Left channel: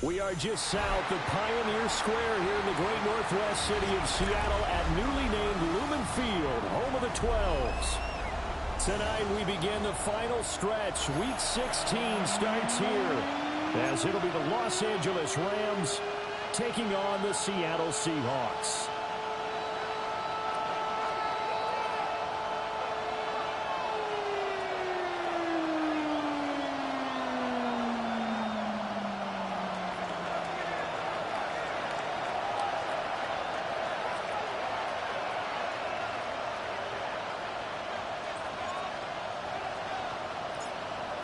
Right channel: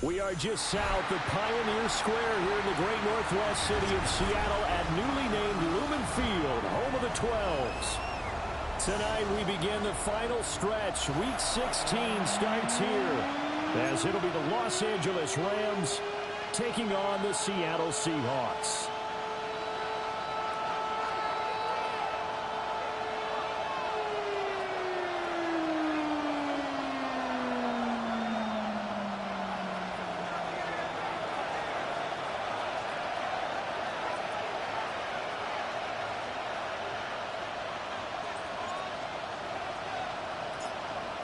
We are just south of Pioneer Square here in the great northwest city of Seattle at newly named Lumen Field, home of the 12s. Tonight we begin the final stretch. Week 16 starts here as it'll be the Los Angeles Rams taking on the Seattle Seahawks.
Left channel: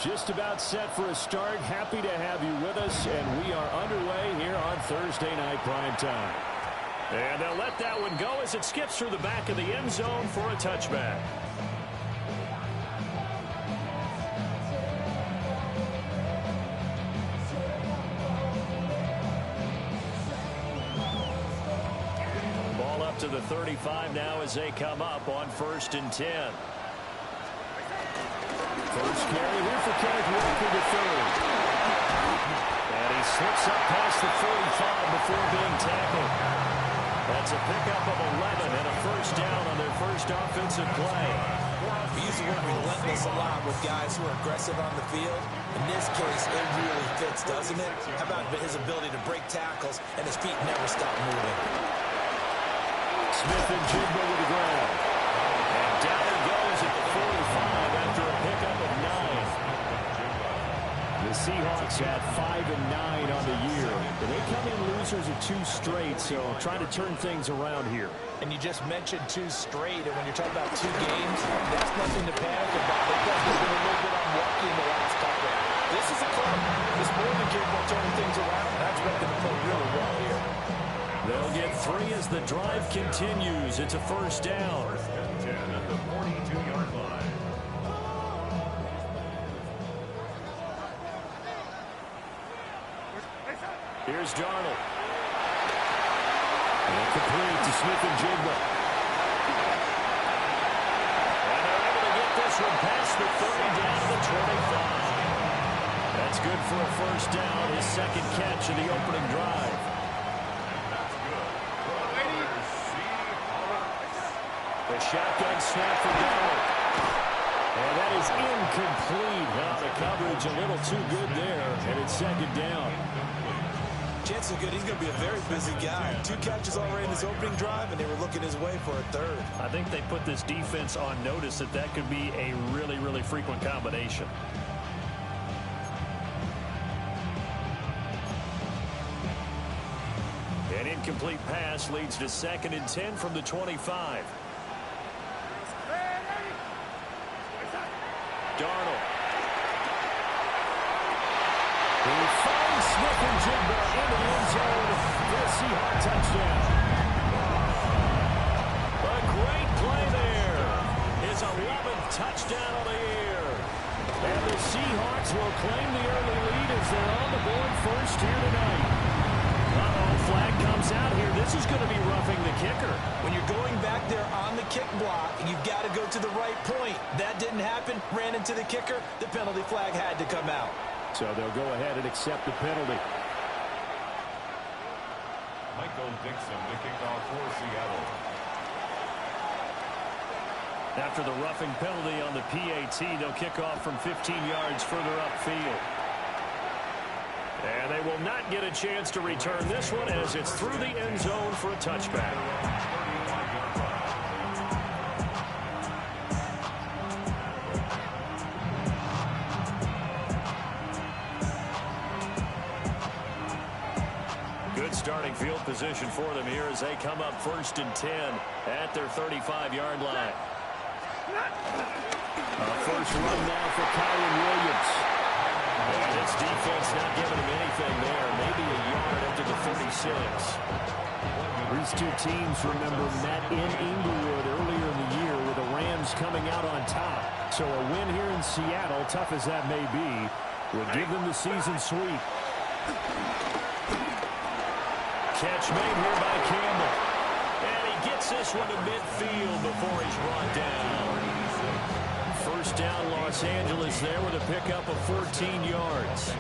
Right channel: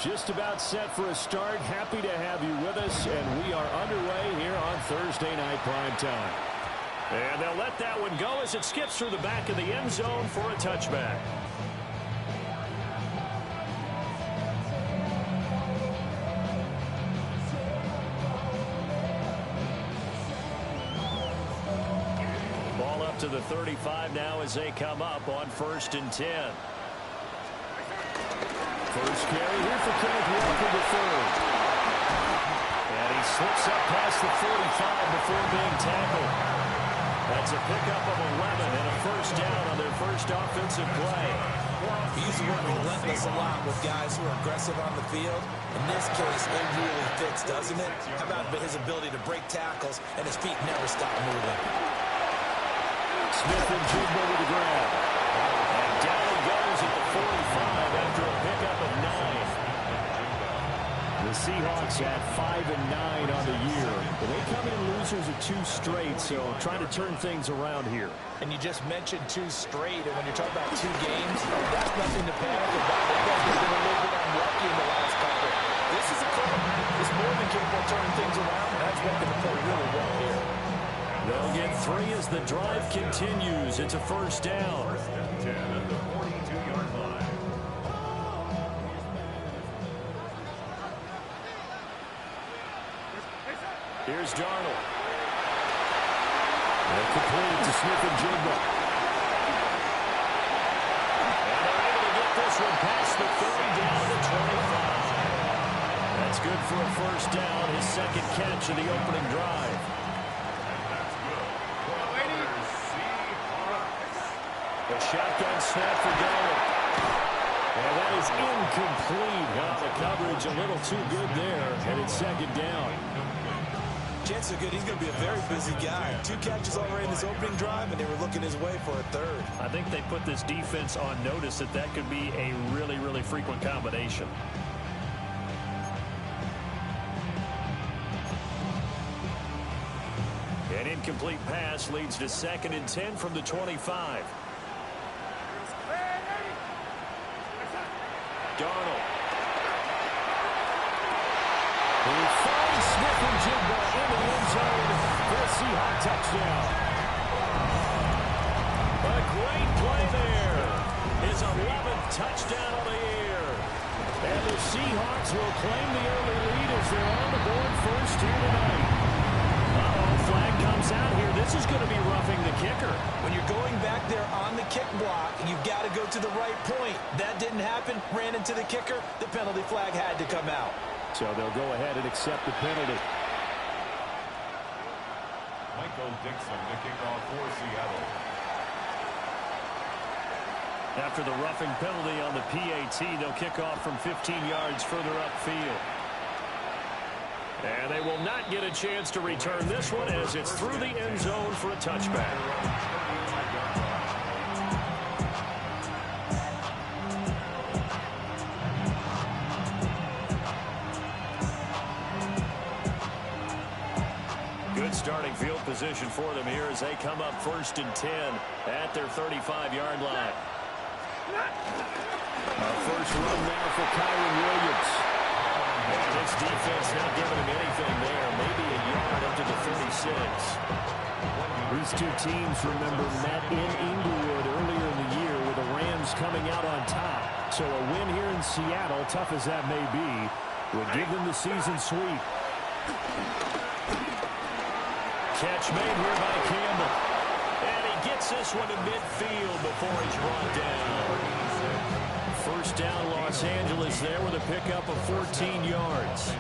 Just about set for a start. Happy to have you with us, and we are underway here on Thursday night prime time. And they'll let that one go as it skips through the back of the end zone for a touchback. Ball up to the 35 now as they come up on 1st and 10. First carry here for Kenneth Walker III. And he slips up past the 45 before being tackled. That's a pickup of 11 and a first down on their first offensive play. He's the one relentless a lot with guys who are aggressive on the field. In this case, it really fits, doesn't it? How about his ability to break tackles and his feet never stop moving? Smith and Jigba with the grab. And down he goes at the 45 after a pickup of 9. The Seahawks at 5-9 on the year. And they come in losers of 2 straight, so trying to turn things around here. And you just mentioned 2 straight, and when you're talking about 2 games, that's nothing to panic about. They've been a little bit unlucky in the last couple. This is a club that's more than capable of turning things around, and I expect them to play really well here. They'll get 3 as the drive continues. It's a first down. 1st and 10 at the 42-yard line. Here's Darnold. And complete to Smith and Jigba. And they're able to get this one past the 30 down to the 25. That's good for a first down, his second catch of the opening drive. A shotgun snap for Darnold. And that is incomplete. Oh, the coverage a little too good there, and it's second down. Chances are good he's going to be a very busy guy. 2 catches already in his opening drive, and they were looking his way for a 3rd. I think they put this defense on notice that could be a really, really frequent combination. An incomplete pass leads to 2nd and 10 from the 25. Darnold. He finds Smith and Jigba into the end zone for a Seahawk touchdown. A great play there. His 11th touchdown of the year. And the Seahawks will claim the early lead as they're on the board first here tonight. Flag comes out here. This is going to be roughing the kicker. When you're going back there on the kick block, you've got to go to the right point. That didn't happen. Ran into the kicker. The penalty flag had to come out. So they'll go ahead and accept the penalty. Michael Dixon to kick off for Seattle. After the roughing penalty on the PAT, they'll kick off from 15 yards further upfield. And they will not get a chance to return this one as it's through the end zone for a touchback. Good starting field position for them here as they come up 1st and 10 at their 35-yard line. A first run now for Kyron Williams. And this defense not giving him anything there. Maybe a yard up to the 36. These 2 teams, remember, met in Inglewood earlier in the year with the Rams coming out on top. So a win here in Seattle, tough as that may be, would give them the season sweep. Catch made here by Campbell. And he gets this one to midfield before he's brought down. First down, Los Angeles there with a pickup of 14 yards.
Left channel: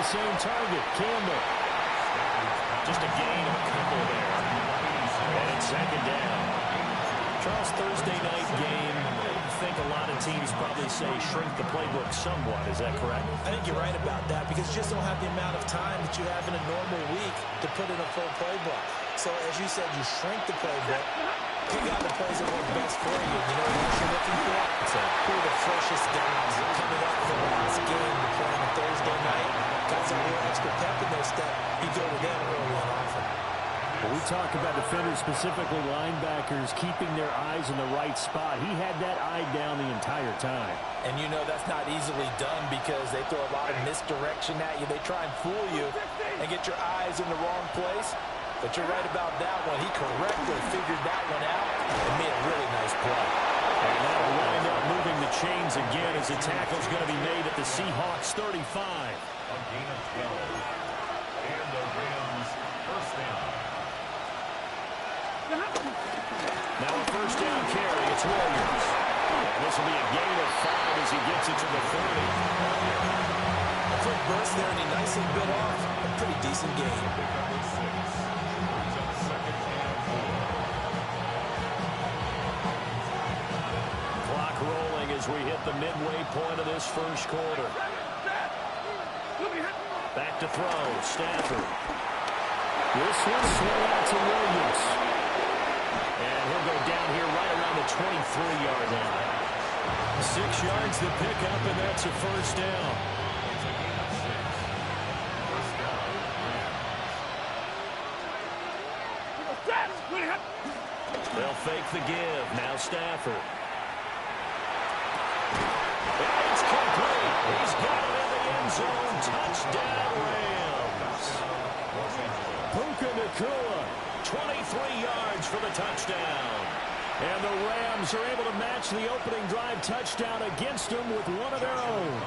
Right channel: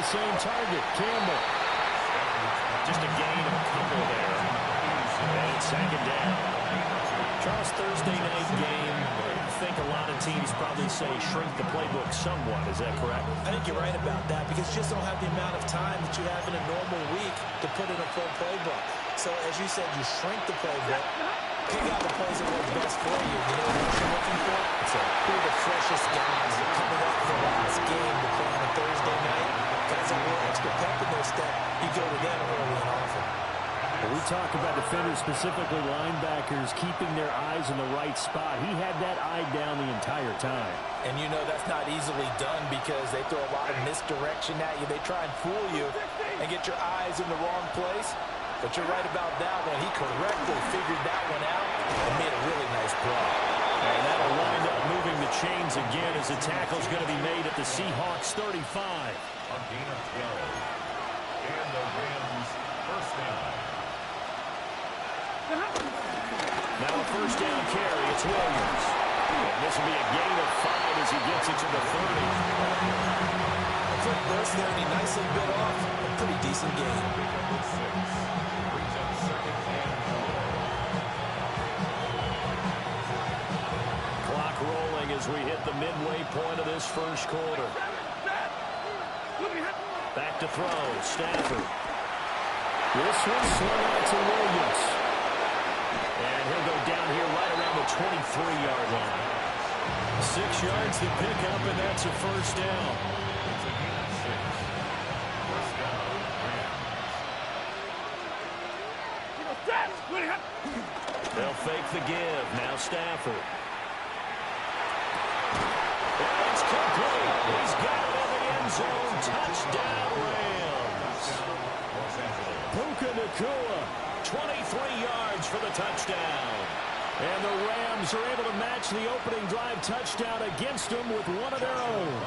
the same target. Campbell. Just a gain of a couple there. And it's second down. Charles, Thursday night game, I think a lot of teams probably say shrink the playbook somewhat. Is that correct? I think you're right about that because you just don't have the amount of time that you have in a normal week to put in a full playbook. So, as you said, you shrink the playbook, pick out the plays that work best for you. You know what you're looking for? Who are the freshest guys coming up for the last game to play on a Thursday night? Guys have a little extra pep in their step. You go to them early and often. Well, we talk about defenders, specifically linebackers, keeping their eyes in the right spot. He had that eye down the entire time. And you know that's not easily done because they throw a lot of misdirection at you. They try and fool you and get your eyes in the wrong place. But you're right about that one. He correctly figured that one out and made a really nice play. And that'll wind up moving the chains again as the tackle's going to be made at the Seahawks 35. A gain of 12. And the Rams first down. Now a first down carry. It's Williams. And this will be a gain of 5 as he gets it to the 30. A quick burst there, and he nicely bit off a pretty decent gain. Pick up with 6. Brings up second and 4. Clock rolling as we hit the midway point of this first quarter. Back to throw. Stafford. This one swung out to Williams. And he'll go down here right around the 23-yard line. 6 yards to pick up, and that's a first down. It's a gain of 6. First down, Rams. They'll fake the give. Now Stafford. And it's complete. He's got it in the end zone. Touchdown, Rams. Los Angeles. Puka Nacua, 23 yards for the touchdown. And the Rams are able to match the opening drive touchdown against them with one of their own.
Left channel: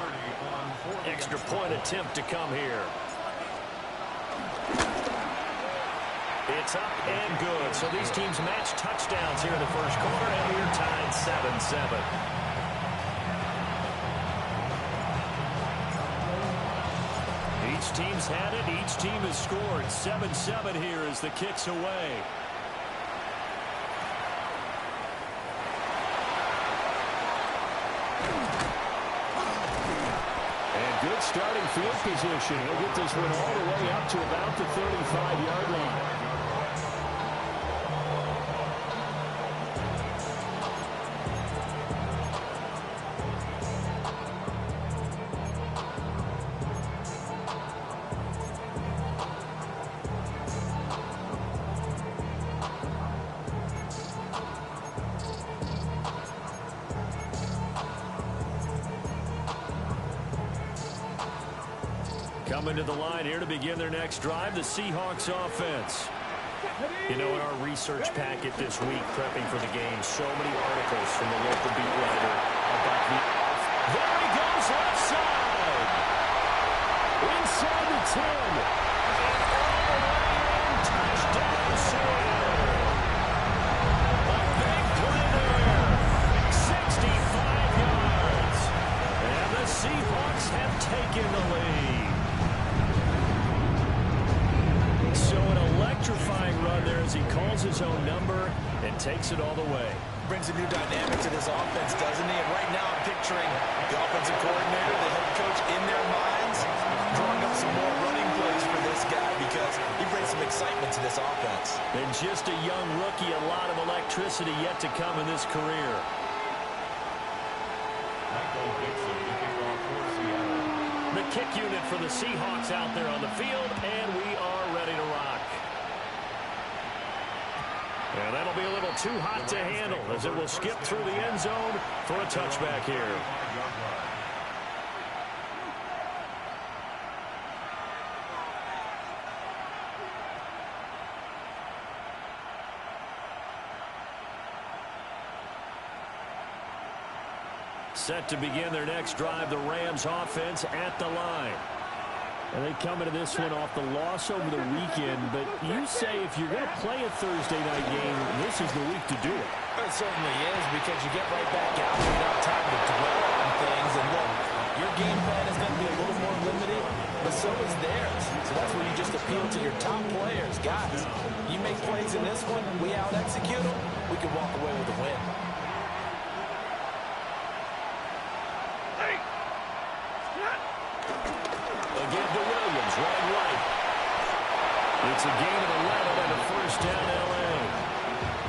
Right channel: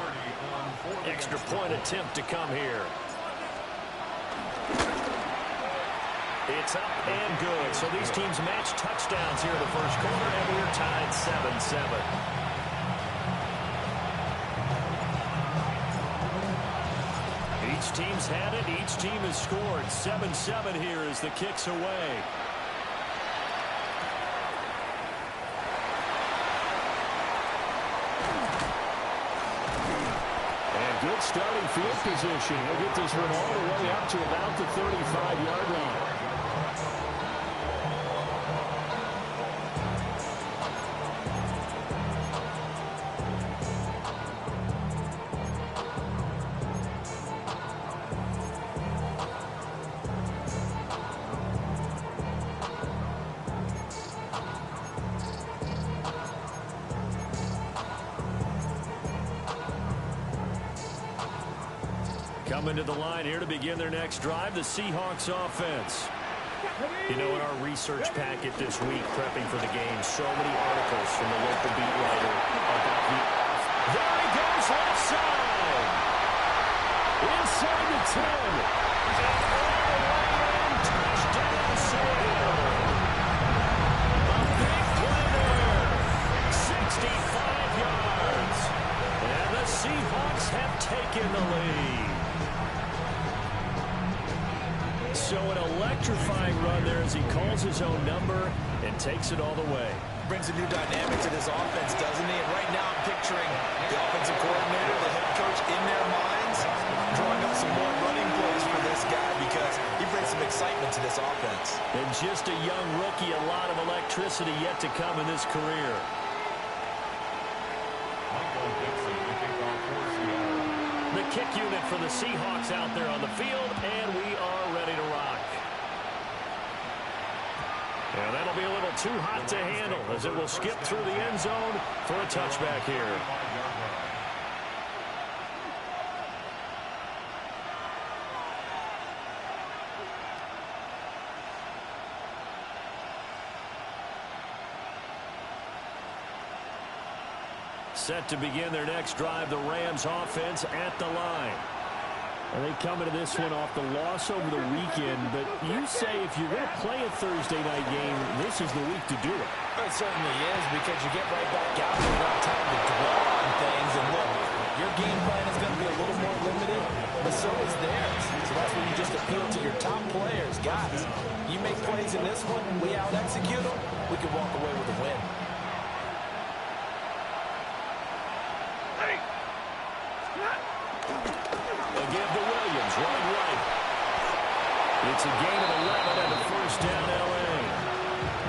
Extra point attempt to come here. It's up and good. So these teams match touchdowns here in the first quarter, and we're tied 7-7. Each team's had it. Each team has scored. 7-7 here as the kick's away. And good starting field position. He'll get this one all the way up to about the 35-yard line. Coming to the line here to begin their next drive, the Seahawks offense. You know, in our research packet this week, prepping for the game, so many articles from the local beat writer about the off. There he goes, left side. Inside the 10. And all the way in, touchdown, Seattle. A big play there. 65 yards. And the Seahawks have taken the lead. So an electrifying run there as he calls his own number and takes it all the way. Brings a new dynamic to this offense, doesn't he? And right now I'm picturing the offensive coordinator, the head coach in their minds, drawing up some more running plays for this guy because he brings some excitement to this offense. And just a young rookie, a lot of electricity yet to come in this career. The kick unit for the Seahawks out there on the field, and we are ready to rock. And that'll be a little too hot to handle as it will skip through the end zone for a touchback here. Set to begin their next drive, the Rams offense at the line. And they come into this one off the loss over the weekend, but you say if you're going to play a Thursday night game, this is the week to do it. It certainly is because you get right back out. You don't have time to dwell on things. And look, Your game plan is going to be a little more limited, but so is theirs. So that's when you just appeal to your top players. Guys, you make plays in this one, we out-execute them, we can walk away with a win. A give to Williams, running right. It's a gain of 11 and a first down, L.A.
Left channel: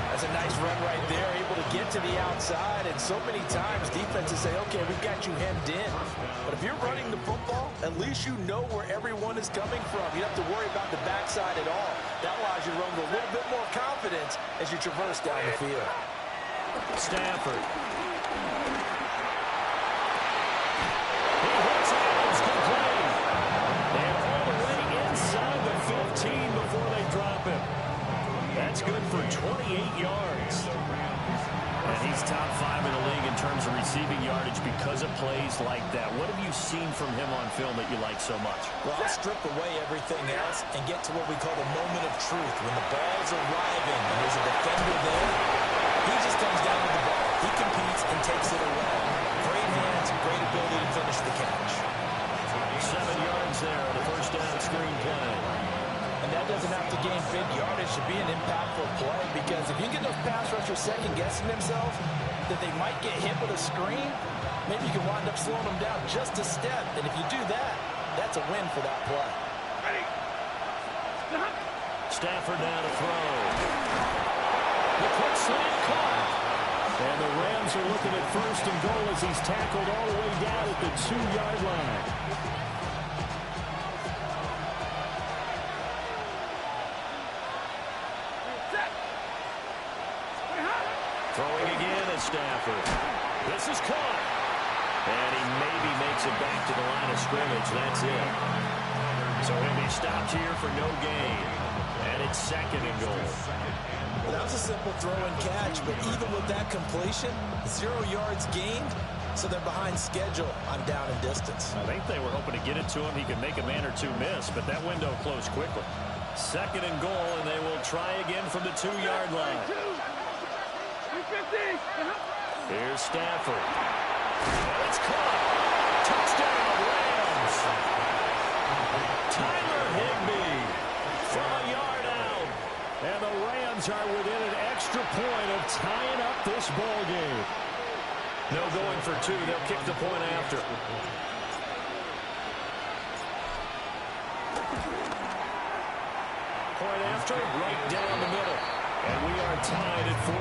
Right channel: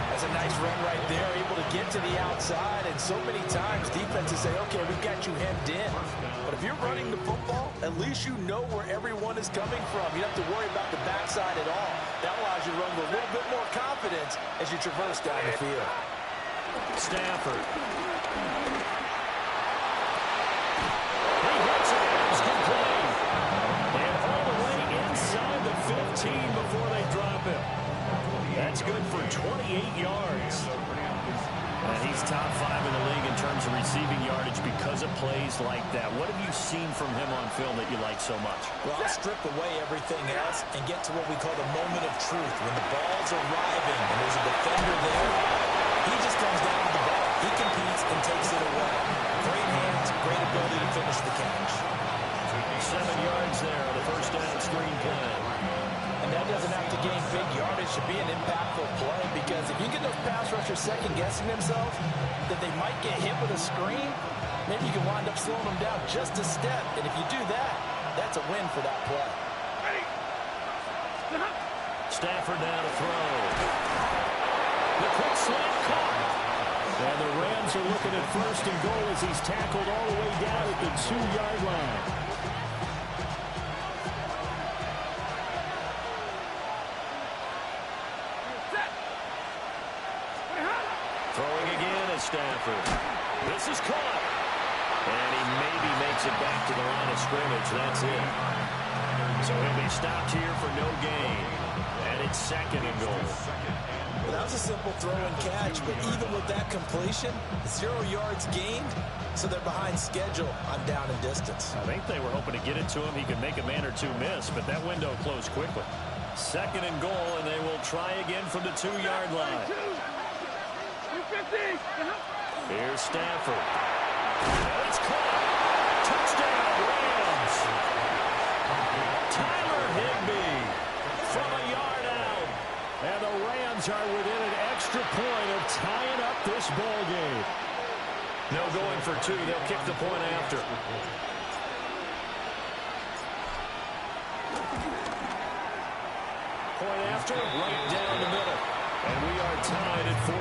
That's a nice run right there, able to get to the outside, and so many times defenses say, okay, we've got you hemmed in. But if you're running the football, at least you know where everyone is coming from. You don't have to worry about the backside at all. That allows you to run with a little bit more confidence as you traverse down the field. Stafford. He hits Adams, good play. And all the way inside the 15 before they drop him. That's good for 28 yards. And he's top 5 in the league in terms of receiving yardage because of plays like that. What have you seen from him on film that you like so much? Well, I'll strip away everything else and get to what we call the moment of truth. When the ball's arriving and there's a defender there, he just comes down with the ball. He competes and takes it away. Great hands, great ability to finish the catch. 7 yards there on the first down screen play. And that doesn't have to gain big yardage to be an impactful play, because if you get those pass rushers second-guessing themselves that they might get hit with a screen, maybe you can wind up slowing them down just a step. And if you do that, that's a win for that play. Stafford now to throw. The quick slant caught. And the Rams are looking at first and goal as he's tackled all the way down at the 2-yard line. Throwing again is Stafford. This is caught. And he maybe makes it back to the line of scrimmage. That's it. So he'll be stopped here for no gain. And it's second and goal. Well, that was a simple throw and catch, but even with that completion, 0 yards gained, so they're behind schedule on down and distance. I think they were hoping to get it to him. He could make a man or two miss, but that window closed quickly. Second and goal, and they will try again from the 2-yard line. Here's Stafford. And it's caught. Touchdown, Rams. Tyler Higbee from a yard out. And the Rams are within an extra point of tying up this ball game. No going for 2. They'll kick the point after. Point after, right down the middle. And we are tied at 14.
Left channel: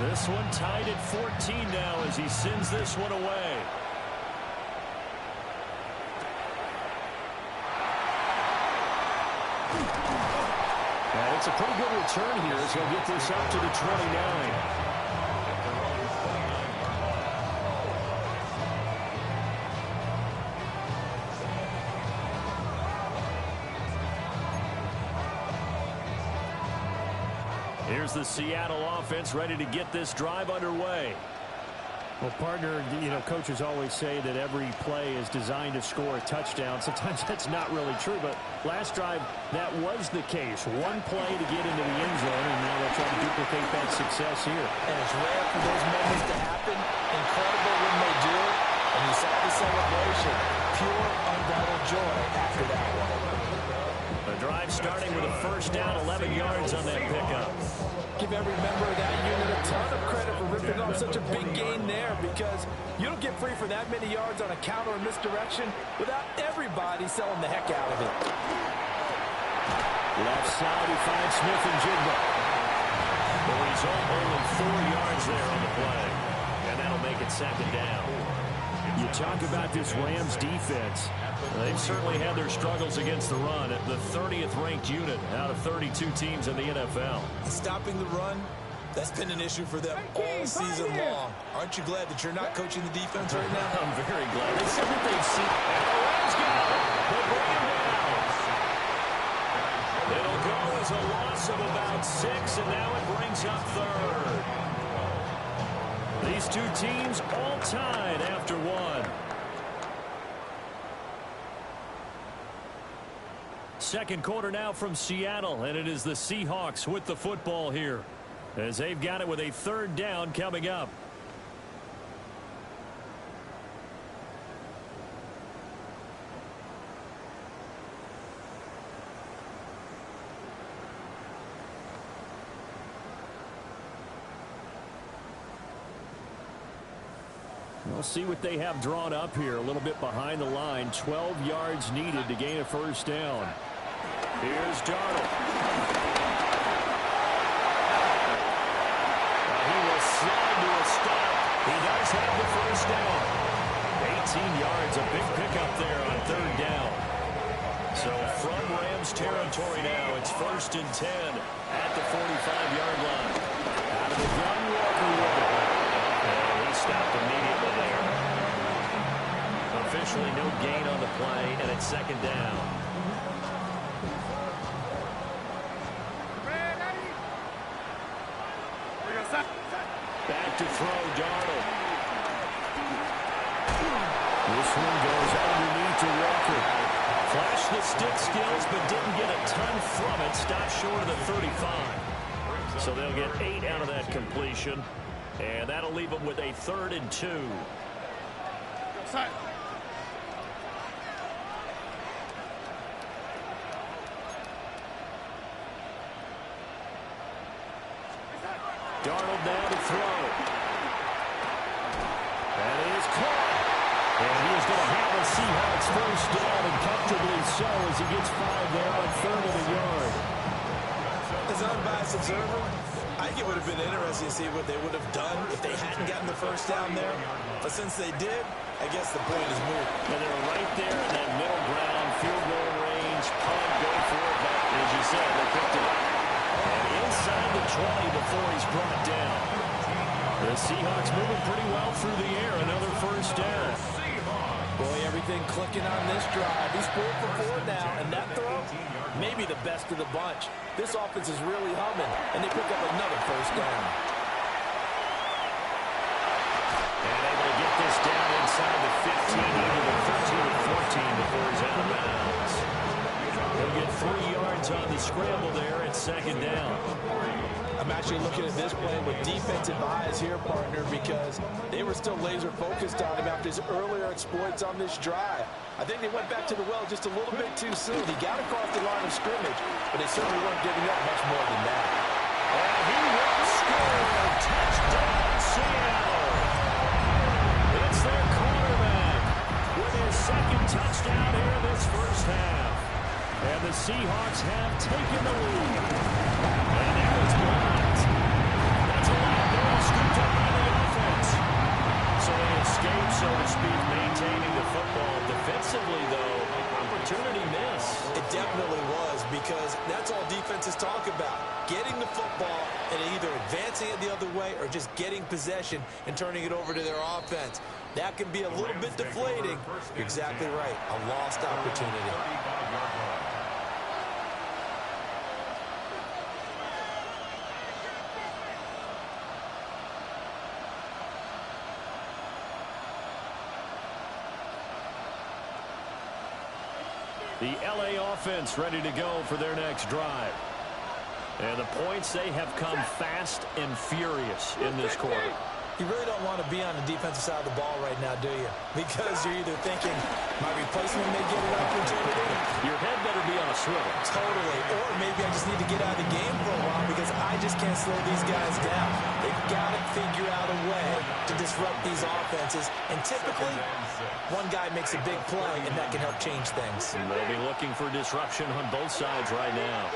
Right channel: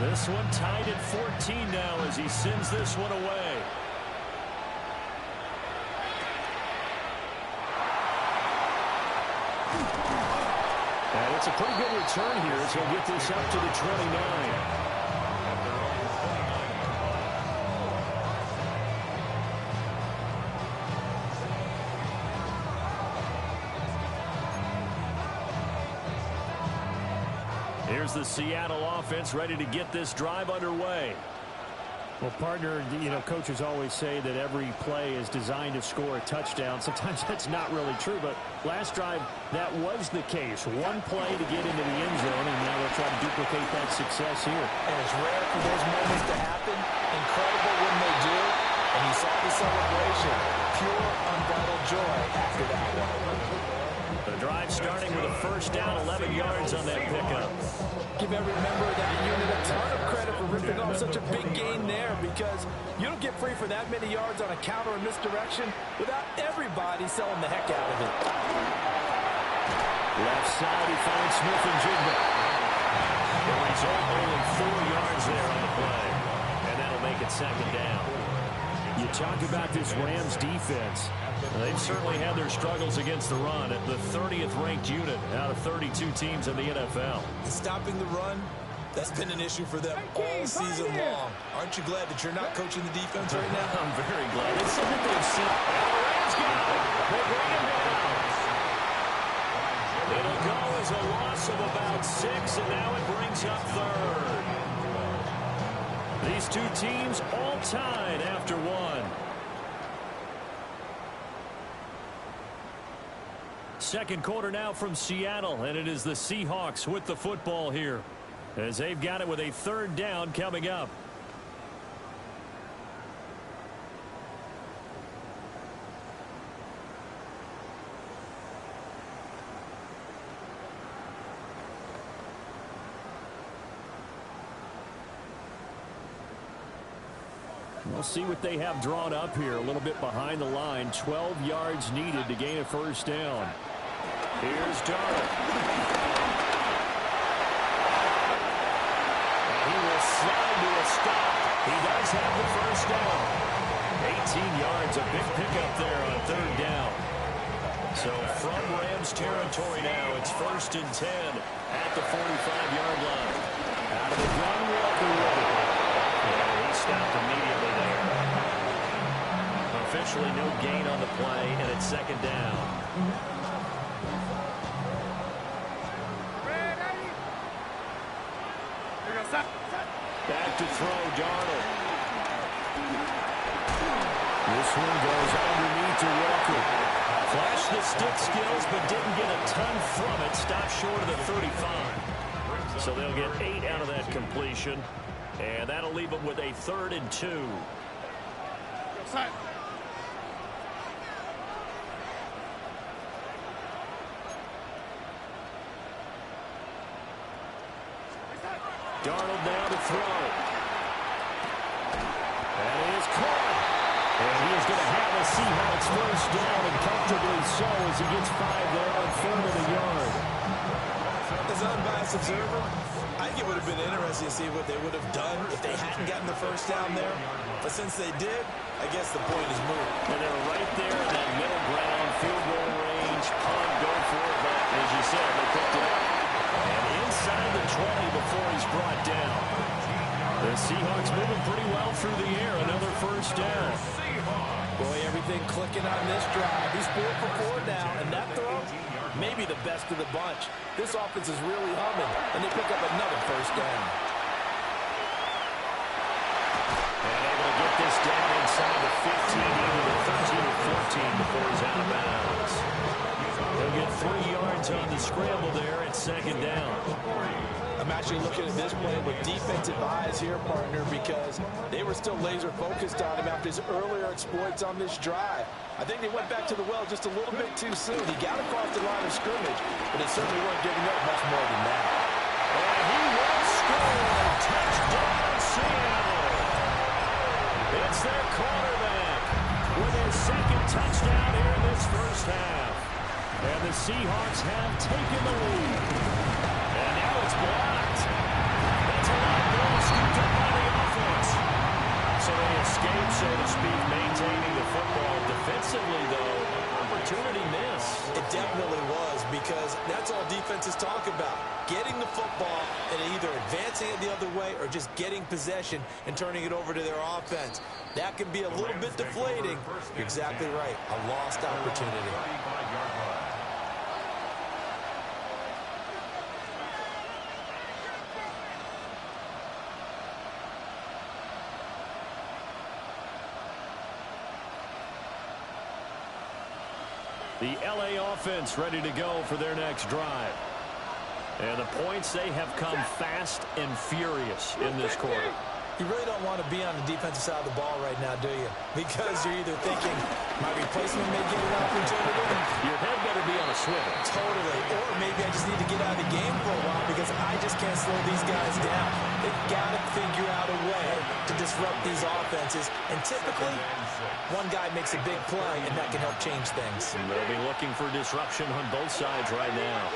This one tied at 14 now as he sends this one away. And it's a pretty good return here as he'll get this up to the 29. Here's the Seattle offense ready to get this drive underway. Well, partner, you know, coaches always say that every play is designed to score a touchdown. Sometimes that's not really true, but last drive, that was the case. One play to get into the end zone, and now they'll try to duplicate that success here. And it's rare for those moments to happen. Incredible when they do. And you saw the celebration. Pure, unbridled joy after that one. The drive starting with a first down, 11 yards on that pickup. Give every member of that unit a ton of credit for ripping off such a big gain there, because you don't get free for that many yards on a counter or misdirection without everybody selling the heck out of it. Left side, he finds Smith and Jigba. The result, only 4 yards there on the play. And that'll make it second down. You talk about this Rams defense. They've certainly had their struggles against the run at the 30th ranked unit out of 32 teams in the NFL. And stopping the run, that's been an issue for them all season long. Aren't you glad that you're not coaching the defense right now? I'm very glad. It's something they've seen. And the Rams got it. They bring him down. It'll go as a loss of about 6, and now it brings up third. These two teams all tied after one. second quarter now from Seattle, and it is the Seahawks with the football here as they've got it with a third down coming up. We'll see what they have drawn up here. A little bit behind the line. 12 yards needed to gain a first down. Here's Darnold. And he will slide to a stop. He does have the first down. 18 yards, a big pickup there on third down. So from Rams territory now, it's 1st and 10 at the 45-yard line. Out of the gun, Walker with it. And he stopped immediately there. Officially no gain on the play, and it's second down. Back to throw, Darnold. This one goes underneath to Walker. Flashed the stick skills, but didn't get a ton from it. Stopped short of the 35. So they'll get 8 out of that completion. And that'll leave them with a 3rd and 2. Darnold now to throw. That is caught. And he is going to have a Seahawks first down, and comfortably so as he gets 5 there on 3rd of the yard. As an unbiased observer, I think it would have been interesting to see what they would have done if they hadn't gotten the first down there. But since they did, I guess the point is moot. And they're right there in that middle ground, field goal range, punt, go for it. But as you said, they picked it up. And inside the 20 before he's brought down. The Seahawks moving pretty well through the air. Another first down. Boy, everything clicking on this drive. He's 4 for 4 now, and that throw, maybe the best of the bunch. This offense is really humming, and they pick up another first down. And able to get this down inside the 15, either the 13 or 14 before he's out of bounds. He'll get 3 yards on the scramble there at second down. I'm actually looking at this play with defensive eyes here, partner, because they were still laser focused on him after his earlier exploits on this drive. I think they went back to the well just a little bit too soon. He got across the line of scrimmage, but they certainly weren't giving up much more than that. And he will score. Touchdown, Seattle. It's their quarterback with his second touchdown here in this first half. And the Seahawks have taken the lead. And now it's blocked. That's a live ball scooped up by the offense. So they escape, so to speak, maintaining the football. Defensively, though, opportunity miss. It definitely was, because that's all defenses talk about. Getting the football and either advancing it the other way or just getting possession and turning it over to their offense. That can be a little bit deflating. You're exactly right. A lost opportunity. The LA offense ready to go for their next drive. And the points, they have come fast and furious in this quarter. You really don't want to be on the defensive side of the ball right now, do you? Because you're either thinking, my replacement may get an opportunity. Your head better be on a swivel. Totally. Or maybe I just need to get out of the game for a while because I just can't slow these guys down. They've got to figure out a way to disrupt these offenses. And typically, one guy makes a big play, and that can help change things. And they'll be looking for disruption on both sides right now.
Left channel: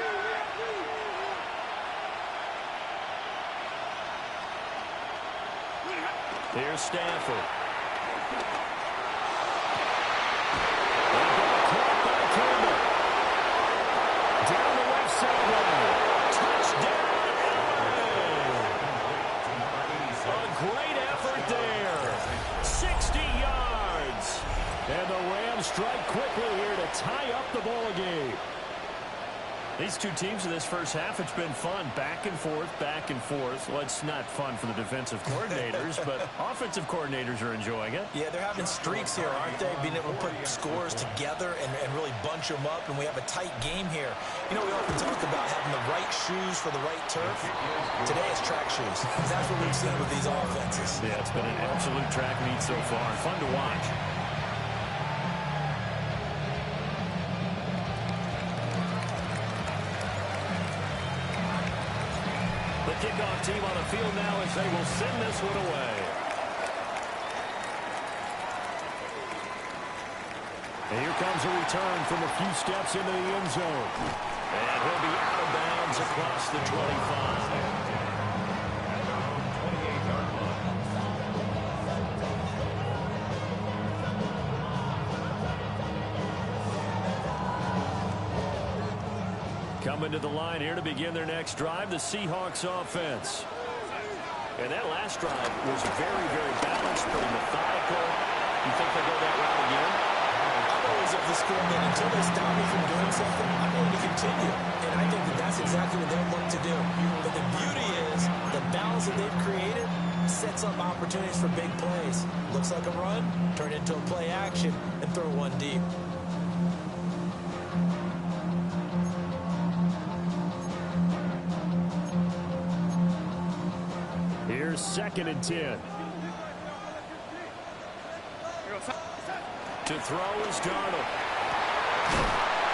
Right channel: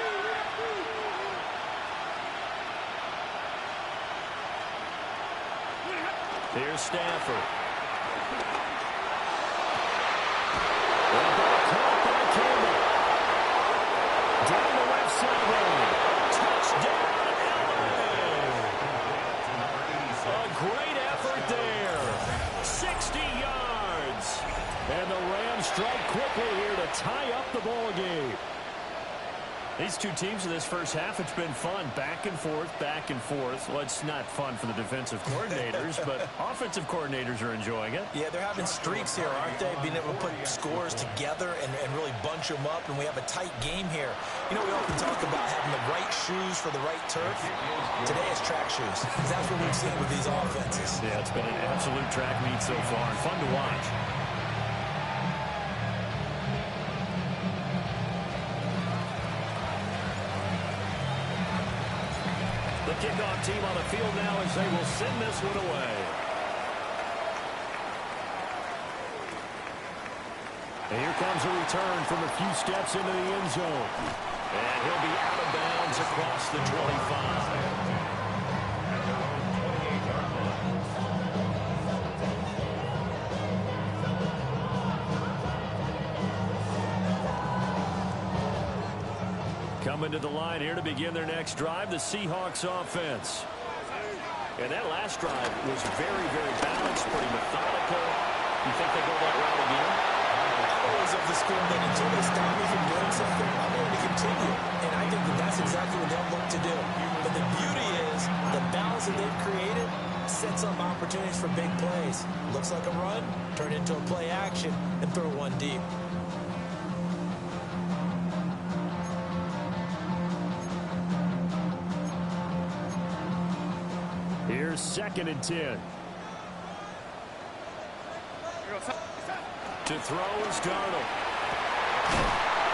Here's Stafford. The ball caught by Campbell. Down the left sideline. Touchdown, LA. A great effort there. 60 yards. And the Rams strike quickly here to tie up the ball game. These two teams in this first half, it's been fun. Back and forth, back and forth. Well, it's not fun for the defensive coordinators, but offensive coordinators are enjoying it. Yeah, they're having streaks here, aren't they? Being able to put scores together and really bunch them up, and we have a tight game here. You know, we often talk about having the right shoes for the right turf. Today it's track shoes. That's what we've seen with these offenses. Yeah, it's been an absolute track meet so far, and fun to watch. The kickoff team on the field now as they will send this one away. And here comes a return from a few steps into the end zone. And he'll be out of bounds across the 25. Coming to the line here to begin their next drive, the Seahawks offense. And that last drive was very, very balanced, pretty methodical. You think they go that route again? I'm always of the school that until they stop me from doing something, I'm going to continue. And I think that that's exactly what they'll look to do. But the beauty is the balance that they've created sets up opportunities for big plays. Looks like a run, turn it into a play action, and throw one deep. Here's 2nd and 10. To throw is Darnold.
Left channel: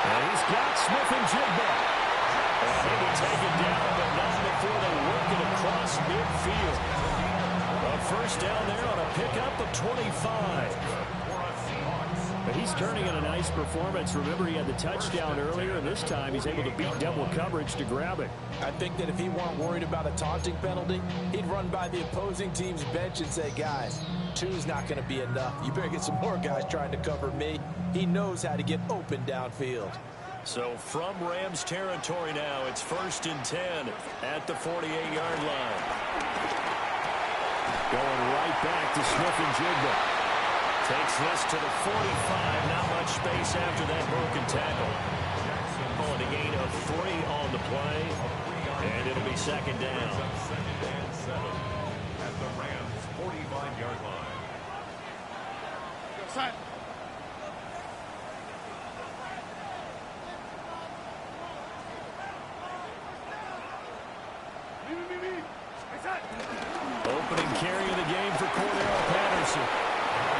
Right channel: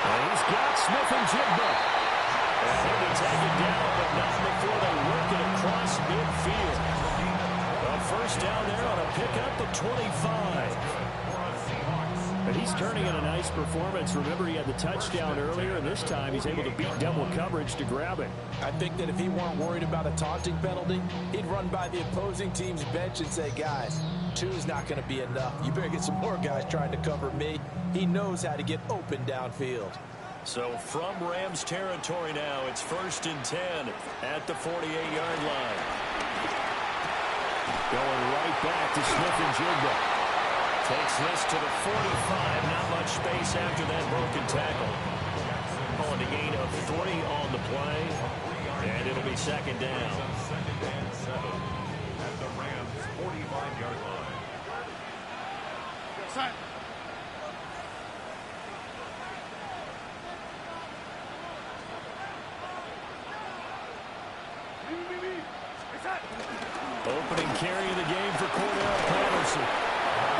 And he's got Smith and Jigba. And he'll be taken down, but not before they work it across midfield. A first down there on a pickup of 25. But he's turning in a nice performance. Remember, he had the touchdown earlier, and this time he's able to beat double coverage to grab it. I think that if he weren't worried about a taunting penalty, he'd run by the opposing team's bench and say, guys, 2's not going to be enough. You better get some more guys trying to cover me. He knows how to get open downfield. So from Rams territory now, it's 1st and 10 at the 48-yard line. Going right back to Smith and Jigba. Takes this to the 45. Not much space after that broken tackle. Calling a gain of 3 on the play. And it'll be 2nd down. 2nd and 7 at the Rams' 45-yard line. Opening carry of the game for Cordell Patterson.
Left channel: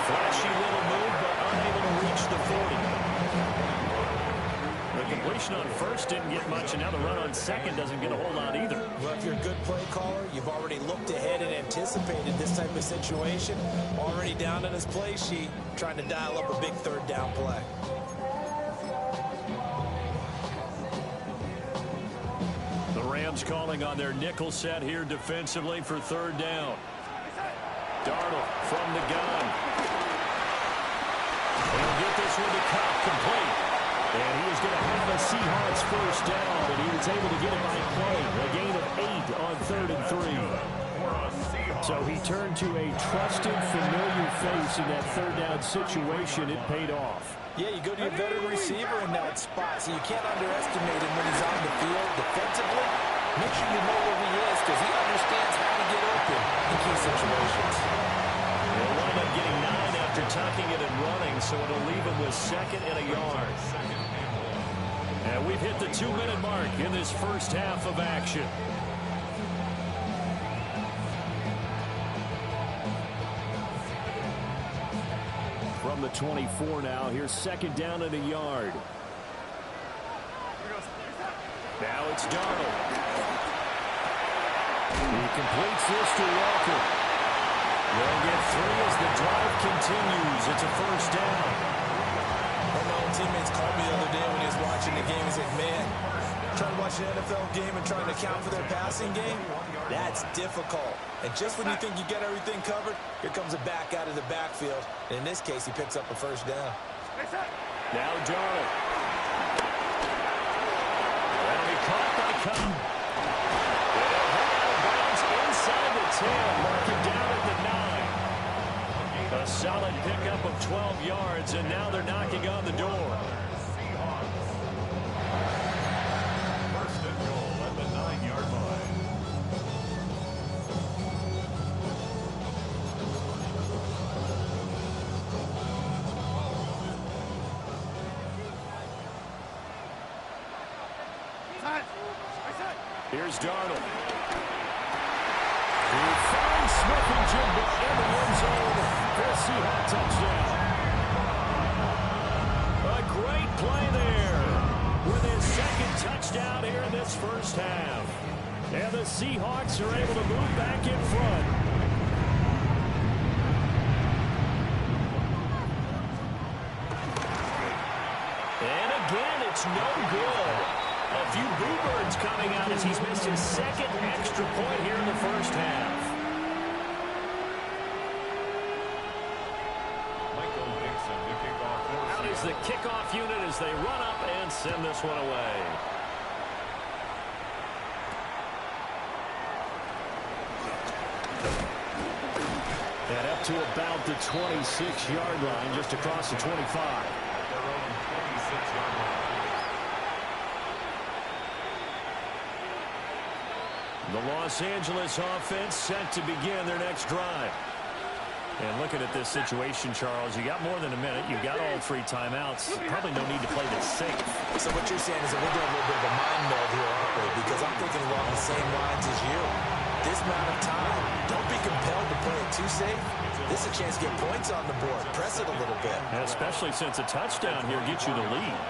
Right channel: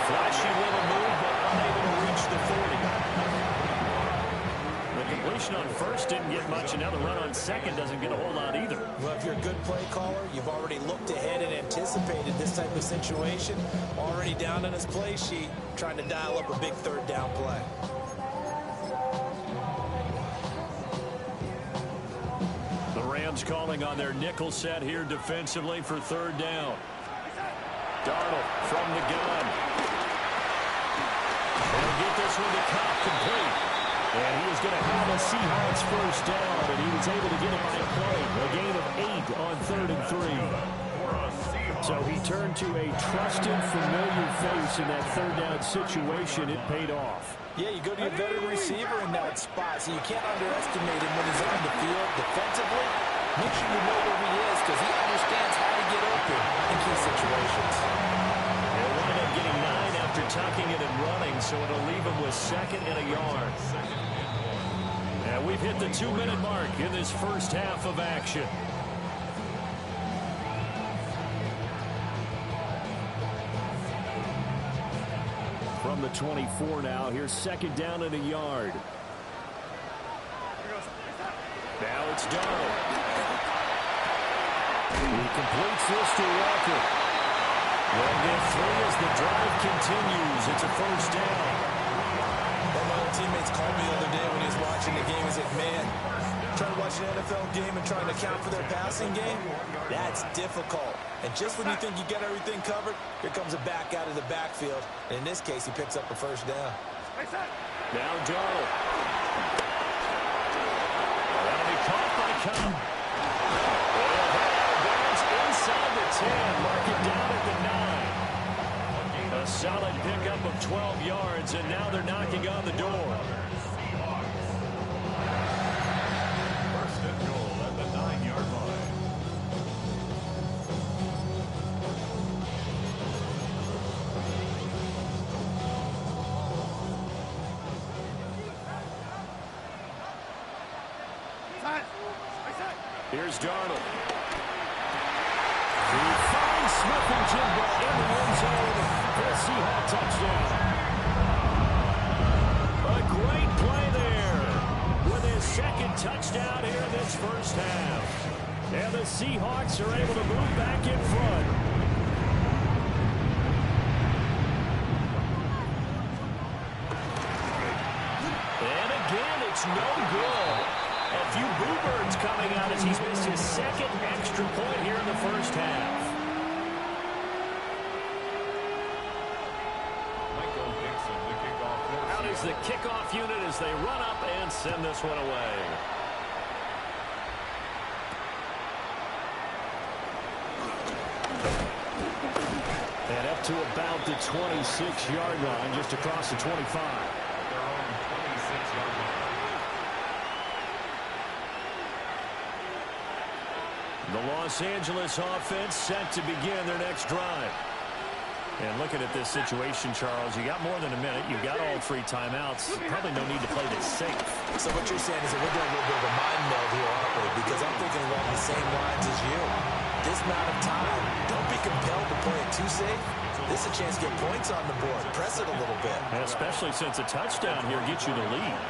Flashy little move, but unable to reach the 40. The completion on first didn't get much, and now the run on second doesn't get a whole lot either. Well, if you're a good play caller, you've already looked ahead and anticipated this type of situation. Already down on his play sheet, trying to dial up a big 3rd down play. The Rams calling on their nickel set here defensively for 3rd down. Darnold from the gun. He'll get this one to Cobb, complete. And he is going to have a Seahawks first down, and he was able to get it by play. A gain of 8 on 3rd and 3. So he turned to a trusted, familiar face in that 3rd down situation. It paid off. Yeah, you go to your veteran receiver in that spot, so you can't underestimate him when he's on the field defensively. Make sure you know where he is because he understands how to get open in key situations. He'll wind up getting 9 after tucking it and running, so it'll leave him with 2nd and a yard. And we've hit the 2-minute mark in this first half of action. From the 24 now, here's 2nd down and a yard. Now it's Darnold. He completes this to Walker. They'll get 3 as the drive continues. It's a first down. One of my old teammates called me the other day when he was watching the game. He's like, man, trying to watch an NFL game and trying to account for their passing game, that's difficult. And just when you think you get everything covered, here comes a back out of the backfield. And in this case, he picks up a first down. Now Darnold. That'll be caught by Cobb. They'll head out of bounds inside the 10. Mark it down at the 9. A solid pickup of 12 yards, and now they're knocking on the door. Here's Darnold. He finds Smith and Jigba in the end zone for a Seahawk touchdown. A great play there with his second touchdown here in this first half. And the Seahawks are able to move back in front. And again, it's no good. A few boo birds coming out as he's missed his second extra point here in the first half. Out is the kickoff unit as they run up and send this one away. And up to about the 26-yard line, just across the 25. At their own 26-yard line. The Los Angeles offense set to begin their next drive. And looking at this situation, Charles, you got more than a minute. You got all 3 timeouts. Probably no need to play this safe. So what you're saying is that we're doing a little bit of a mind meld here, aren't we? Because I'm thinking along the same lines as you. This amount of time, don't be compelled to play it too safe. This is a chance to get points on the board. Press it a little bit. And especially since a touchdown here gets you the lead.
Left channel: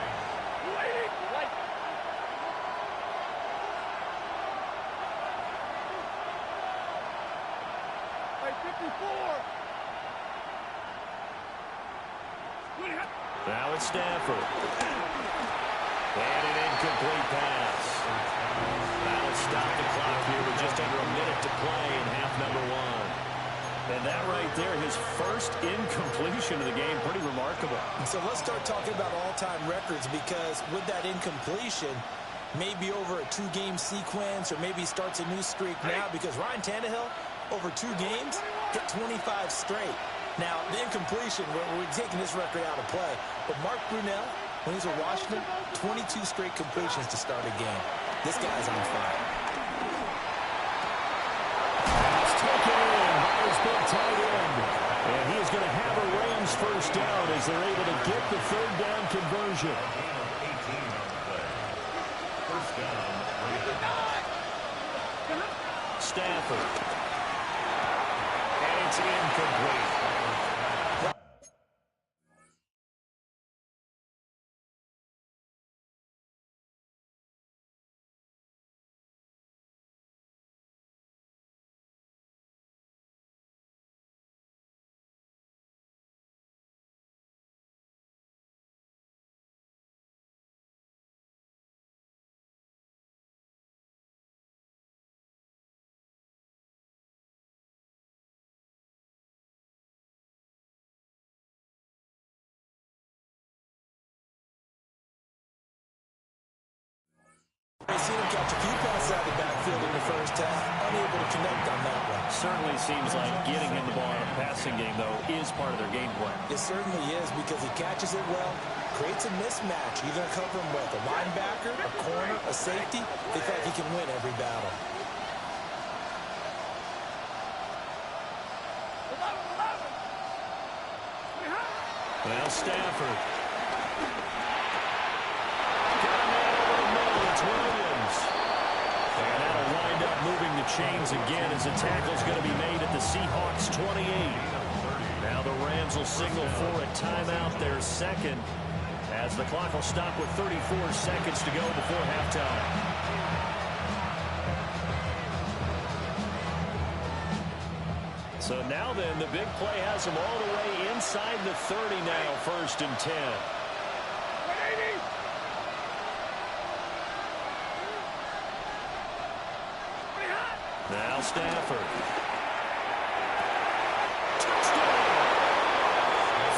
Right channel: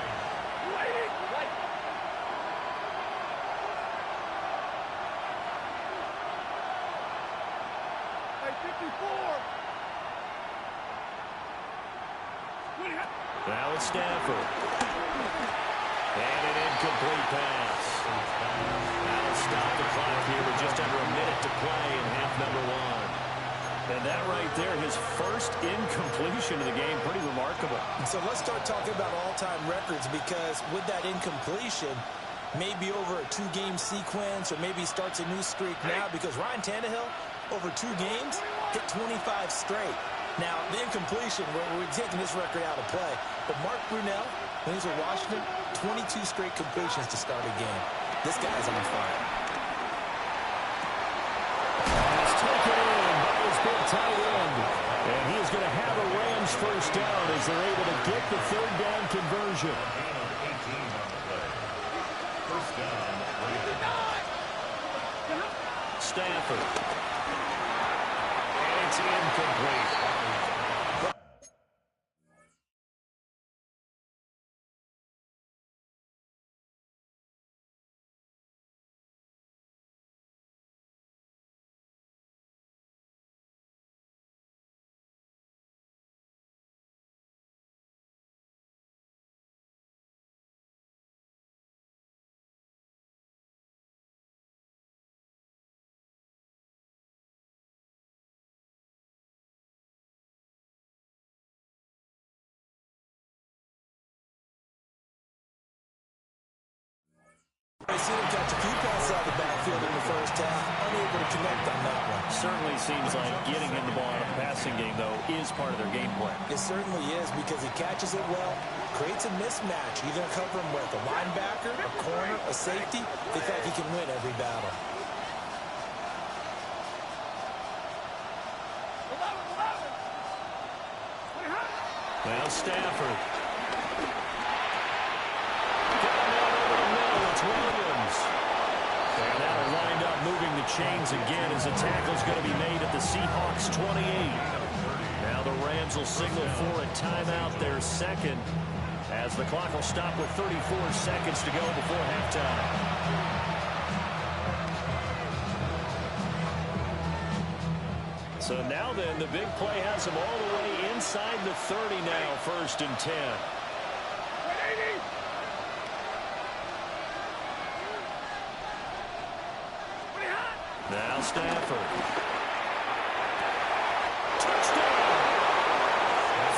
Now it's Stafford. And an incomplete pass. That'll stop the clock here with just under a minute to play in half number 1. And that right there, his first incompletion of the game, pretty remarkable. So let's start talking about all-time records, because with that incompletion, maybe over a 2-game sequence, or maybe starts a new streak now, because Ryan Tannehill, over 2 games, hit 25 straight. Now, the incompletion, we're taking this record out of play. But Mark Brunell, when he's with Washington, 22 straight completions to start a game. This guy's on fire. Pass taken in by his big tight end. And he is going to have a Rams first down as they're able to get the 3rd down conversion. A gain of 18 on the play. First down, Rams. Stafford. And it's incomplete. I've seen him catch a few passes out of the backfield in the first half, unable to connect on that one. Certainly seems like getting him the ball in a passing game, though, is part of their game plan. It certainly is, because he catches it well, creates a mismatch. You're going to cover him with a linebacker, a corner, a safety. They feel like he can win every battle. Well, Stafford. Got a man over the middle. It's Williams. And that'll wind up moving the chains again as the tackle's going to be made at the Seahawks 28. Now the Rams will signal for a timeout, their second, as the clock will stop with 34 seconds to go before halftime. So now then, the big play has them all the way inside the 30 now, 1st and 10. Now Stafford. Touchdown!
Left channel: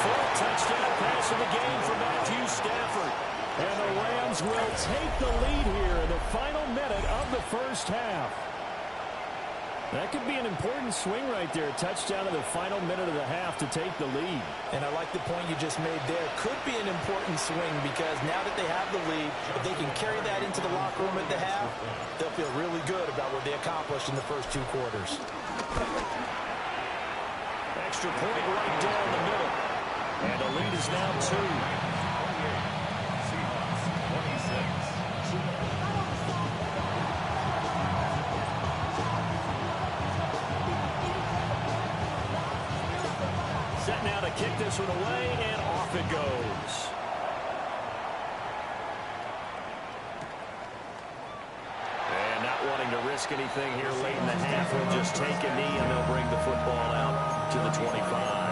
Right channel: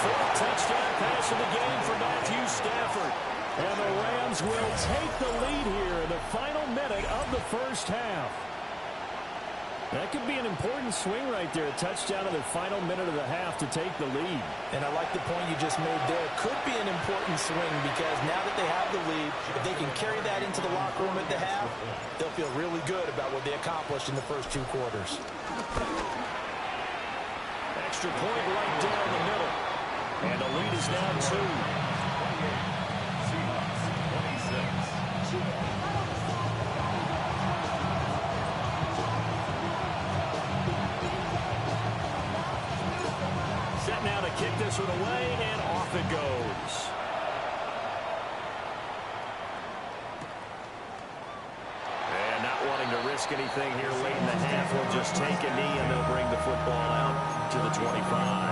4th touchdown pass of the game for Matthew Stafford. And the Rams will take the lead here in the final minute of the first half. That could be an important swing right there. A touchdown in the final minute of the half to take the lead. And I like the point you just made there. Could be an important swing, because now that they have the lead, if they can carry that into the locker room at the half, they'll feel really good about what they accomplished in the first 2 quarters. Extra point right down the middle. And the lead is now 2. 28. Seahawks 26. set now to kick this one away, and off it goes. And not wanting to risk anything here late in the half, he'll just take a knee, and they'll bring the football out to the 25.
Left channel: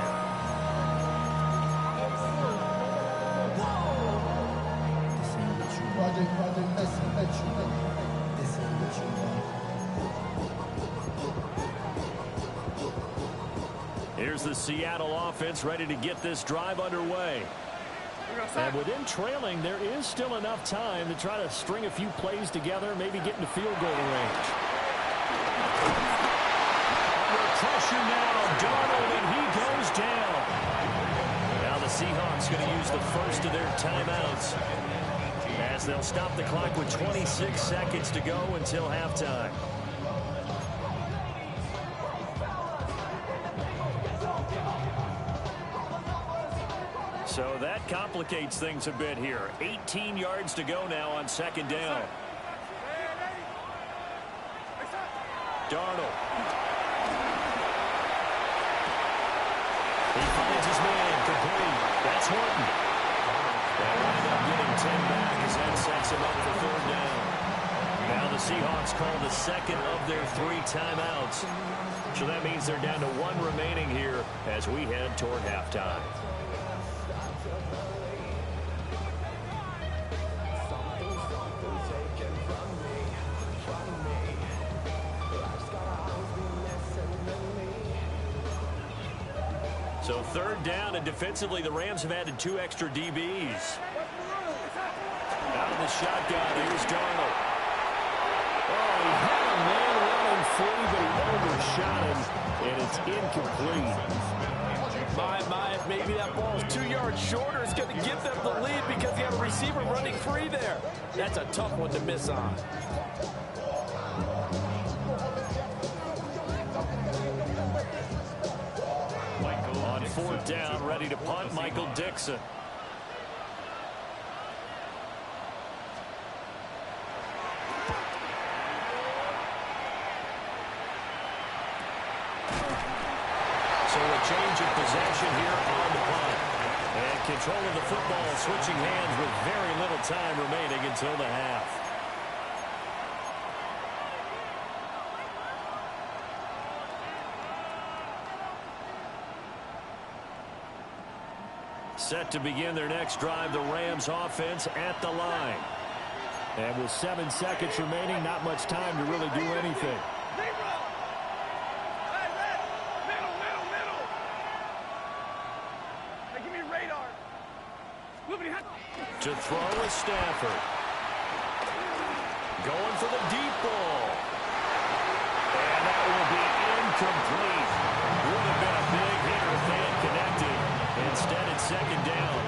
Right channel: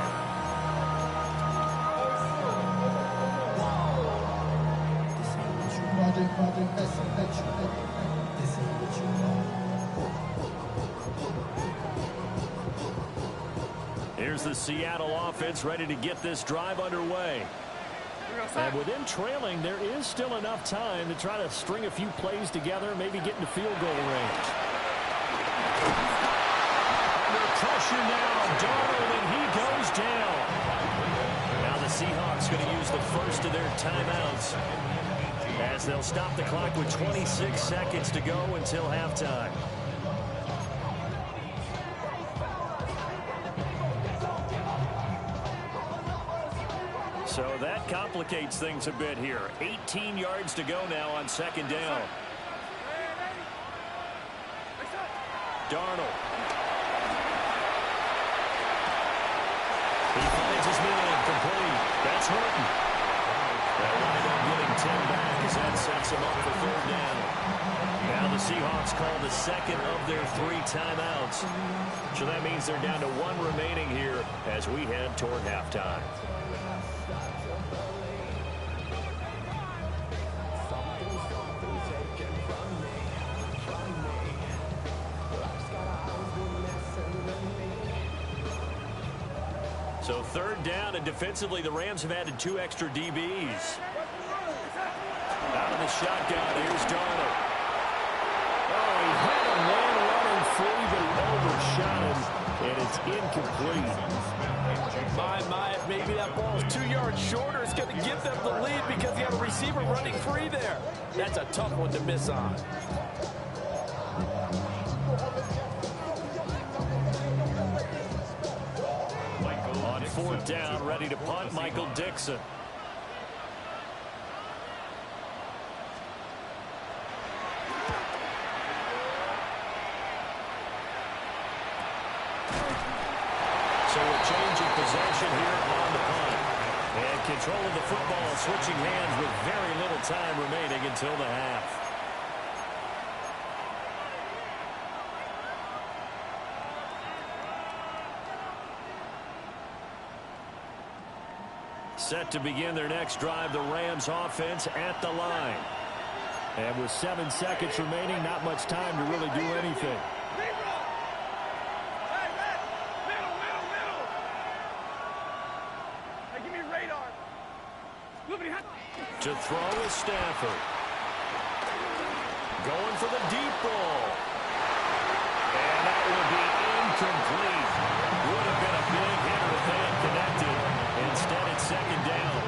Here's the Seattle offense ready to get this drive underway. And within trailing, there is still enough time to try to string a few plays together, maybe get into field goal range. Under pressure now, Darnold, and he goes down. Now the Seahawks going to use the first of their timeouts as they'll stop the clock with 26 seconds to go until halftime. So that complicates things a bit here. 18 yards to go now on second down. Darnold. He finds his man complete. That's Horton. They'll wind up getting 10 back as that sets him up for third down. Now the Seahawks call the second of their 3 timeouts. So that means they're down to 1 remaining here as we head toward halftime. So third down, and defensively the Rams have added 2 extra DBs. Out of the shotgun, here's Darnold. Oh, he had a man running free, but he overshot him, and it's incomplete. My, if maybe that ball is 2 yards shorter, it's going to give them the lead because you have a receiver running free there. That's a tough one to miss on. On fourth down, ready to punt, Michael Dixon. So a change of possession here on the punt. And control of the football switching hands with very little time remaining until the half. Set to begin their next drive, the Rams offense at the line. And with 7 seconds remaining, not much time to really do anything. To throw is Stafford. Going for the deep ball. And that will be incomplete. Would have been a big hitter if they had connected. Instead, it's second down.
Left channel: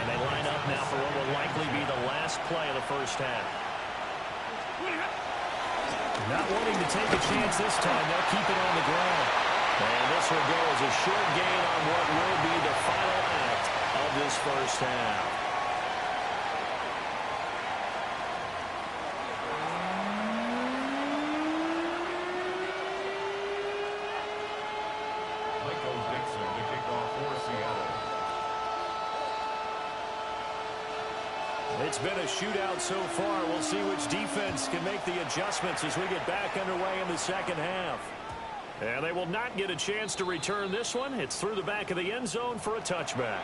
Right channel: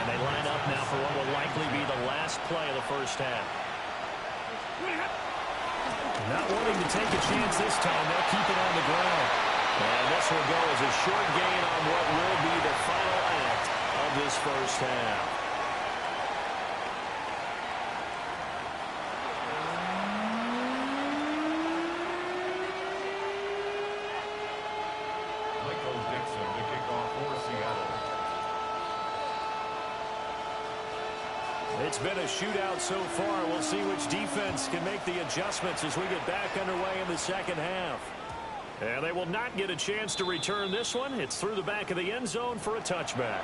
And they line up now for what will likely be the last play of the first half. Not wanting to take a chance this time. They'll keep it on the ground. And this will go as a short gain on what will be the final act of this first half. It's been a shootout so far. We'll see which defense can make the adjustments as we get back underway in the second half. And they will not get a chance to return this one. It's through the back of the end zone for a touchback.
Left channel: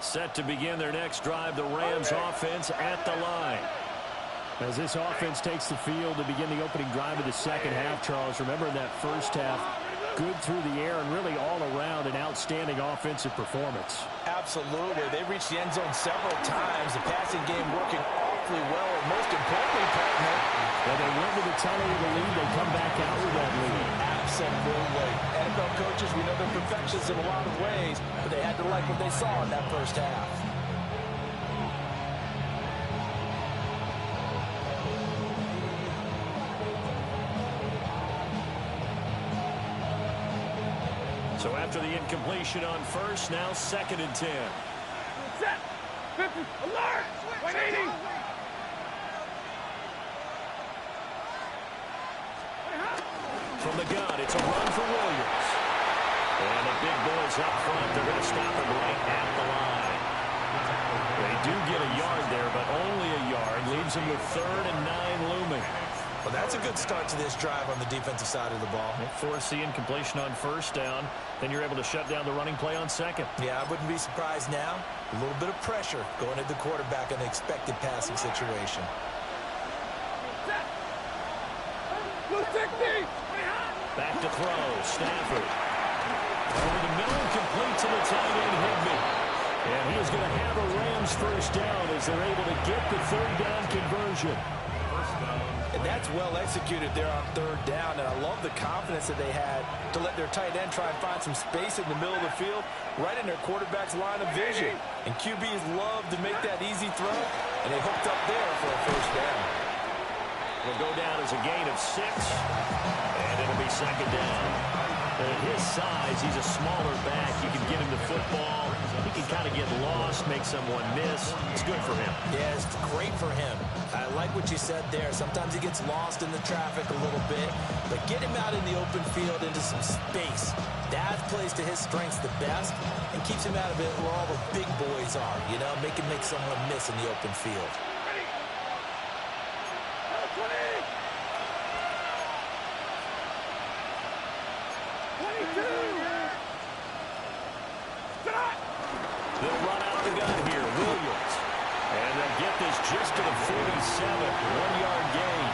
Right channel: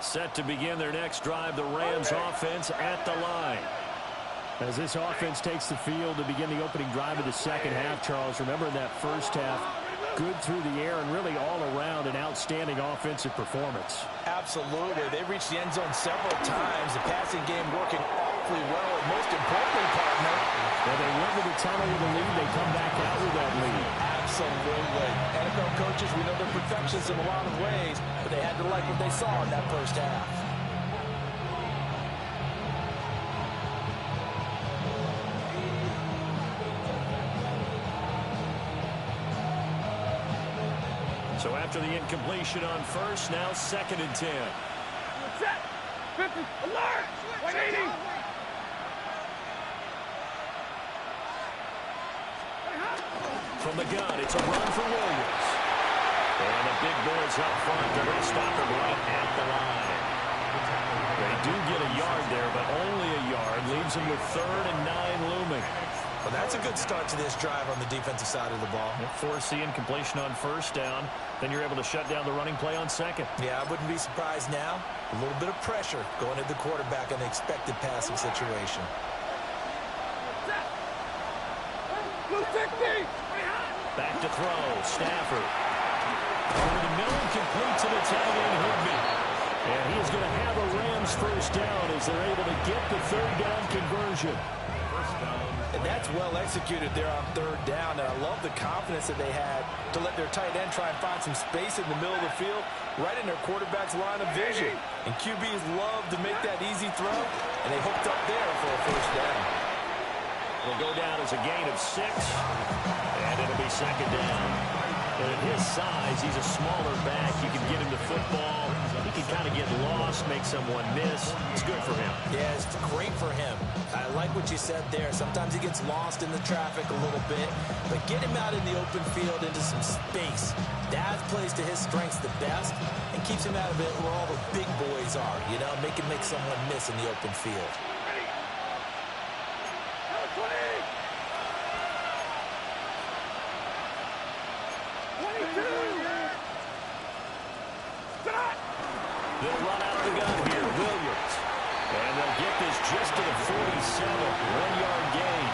Set to begin their next drive, the Rams offense at the line. As this offense takes the field to begin the opening drive of the second half, Charles, remember in that first half, good through the air and really all around an outstanding offensive performance. Absolutely. They reached the end zone several times. The passing game working awfully well, and most importantly, partner, when they went to the tunnel with a lead, they come back out with that lead. Absolutely. NFL coaches, we know they're perfectionists in a lot of ways, but they had to like what they saw in that first half. So after the incompletion on first, now 2nd and 10. Set. 50. Alert. 180. From the gun, it's a run for Williams. And the big boys up front, they're going to stop him right at the line. They do get a yard there, but only a yard. Leaves them with 3rd and 9 looming. Well, that's a good start to this drive on the defensive side of the ball. Force the incompletion on first down. Then you're able to shut down the running play on 2nd. Yeah, I wouldn't be surprised now. A little bit of pressure going at the quarterback in the expected passing situation. Back to throw. Stafford. Over the middle, complete to the tight end, Higbee. And he is going to have a Rams first down as they're able to get the 3rd down conversion. And that's well executed there on 3rd down. And I love the confidence that they had to let their tight end try and find some space in the middle of the field, right in their quarterback's line of vision. And QBs love to make that easy throw, and they hooked up there for a first down. It'll go down as a gain of 6, and it'll be 2nd down. And at his size, he's a smaller back. You can get him the football. He can kind of get lost, make someone miss. It's good for him. Yeah, it's great for him. I like what you said there. Sometimes he gets lost in the traffic a little bit, but get him out in the open field into some space. That plays to his strengths the best and keeps him out of it where all the big boys are, you know, make someone miss in the open field. They'll run out of the gun here. Williams. And they'll get this just to the 47. 1-yard gain.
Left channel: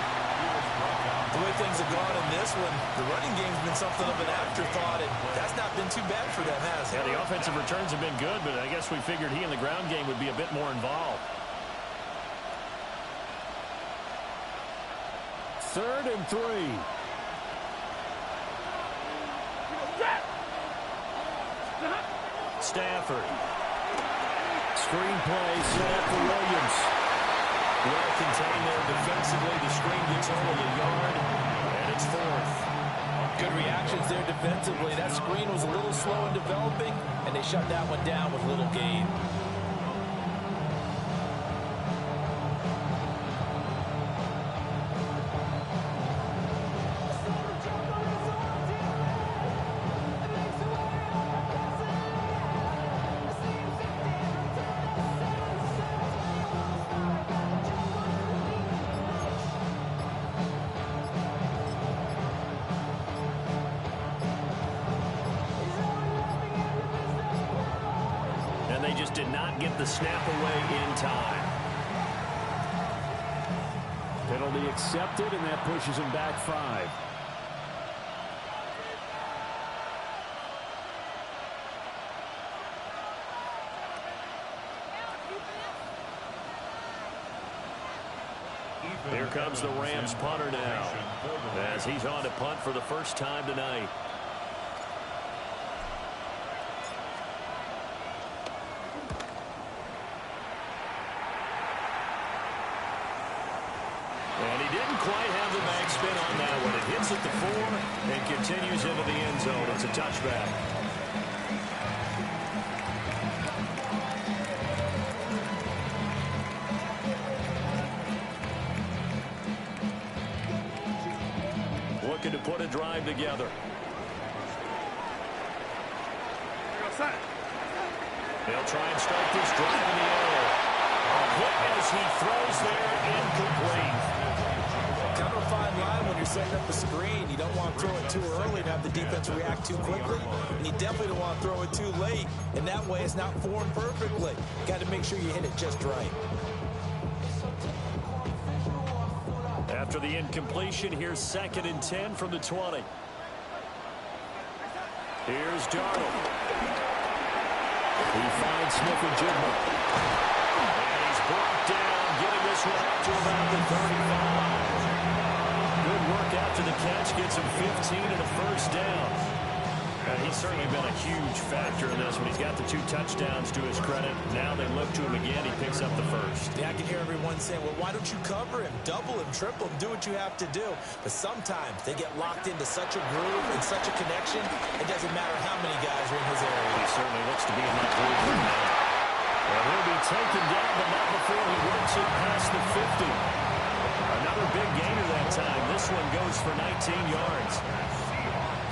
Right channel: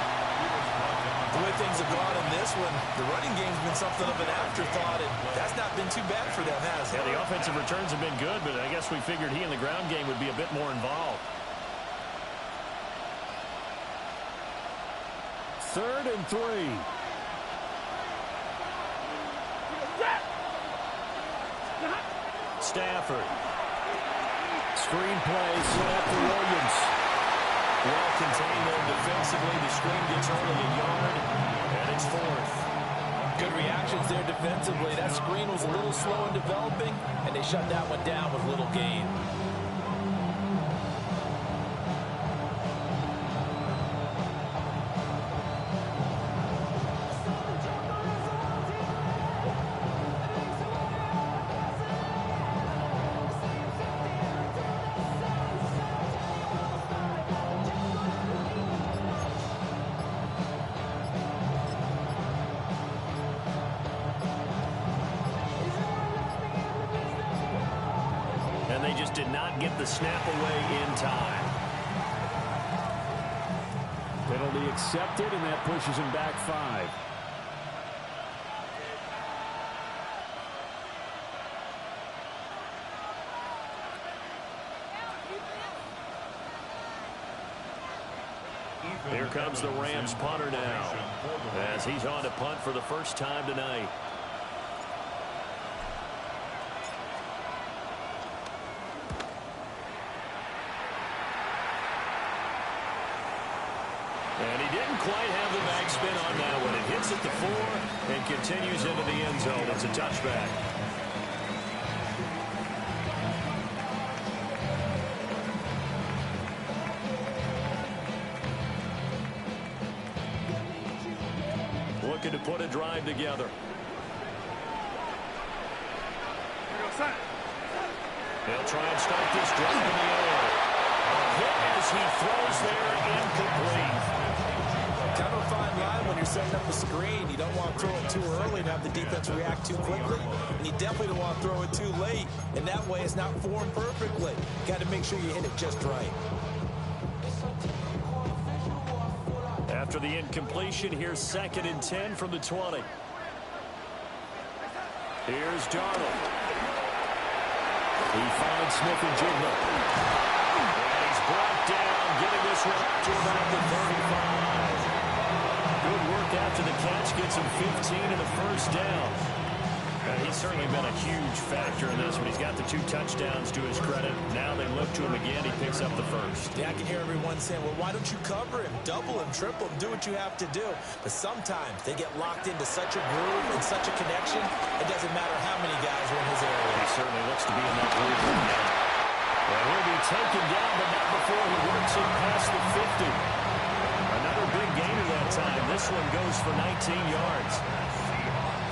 The way things have gone in this one, the running game's been something of an afterthought, and that's not been too bad for them, has it? Yeah, the offensive returns have been good, but I guess we figured he in the ground game would be a bit more involved. 3rd and 3. Stafford. Screen play set up for Williams. Well contained there defensively. The screen gets only a yard, and it's 4th. Good reactions there defensively. That screen was a little slow in developing, and they shut that one down with little gain. And they just did not get the snap away in time. Penalty accepted, and that pushes him back 5. Here comes the Rams punter now, as he's on to punt for the first time tonight. And he didn't quite have the backspin on that one. It hits at the 4 and continues into the end zone. It's a touchback. Looking to put a drive together. He'll try and start this drive in the air. A hit as he throws there, incomplete. Kind of a fine line when you're setting up a screen. You don't want to throw it too early and have the defense react too quickly, and you definitely don't want to throw it too late, and that way it's not formed perfectly. Got to make sure you hit it just right. After the incompletion, here's 2nd and 10 from the 20. Here's Darnold. He finds Smith and Jigma. And he's brought down, getting this one up to about the 35. Good work after the catch, gets him 15 and a first down. He's certainly been a huge factor in this one. He's got the 2 touchdowns to his credit. Now they look to him again. He picks up the first. Yeah, I can hear everyone saying, well, why don't you cover him, double him, triple him, do what you have to do. But sometimes they get locked into such a groove and such a connection, it doesn't matter how many guys are in his area. He certainly looks to be in that groove right now. And he'll be taken down, but not before he works it past the 50. Another big gainer that time. This one goes for 19 yards.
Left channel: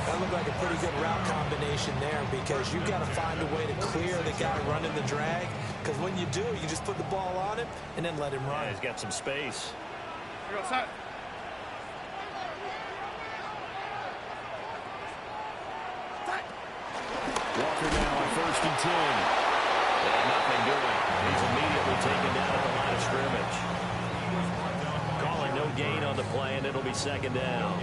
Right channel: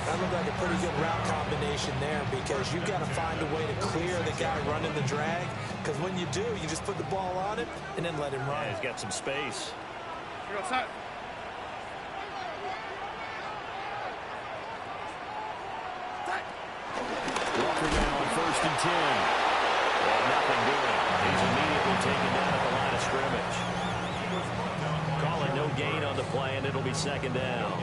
That looked like a pretty good route combination there because you've got to find a way to clear the guy running the drag, because when you do, you just put the ball on him and then let him run. Yeah, he's got some space. Here goes that. Walker now on 1st and 10. And nothing doing. He's immediately taken down at the line of scrimmage. Calling no gain on the play, and it'll be 2nd down.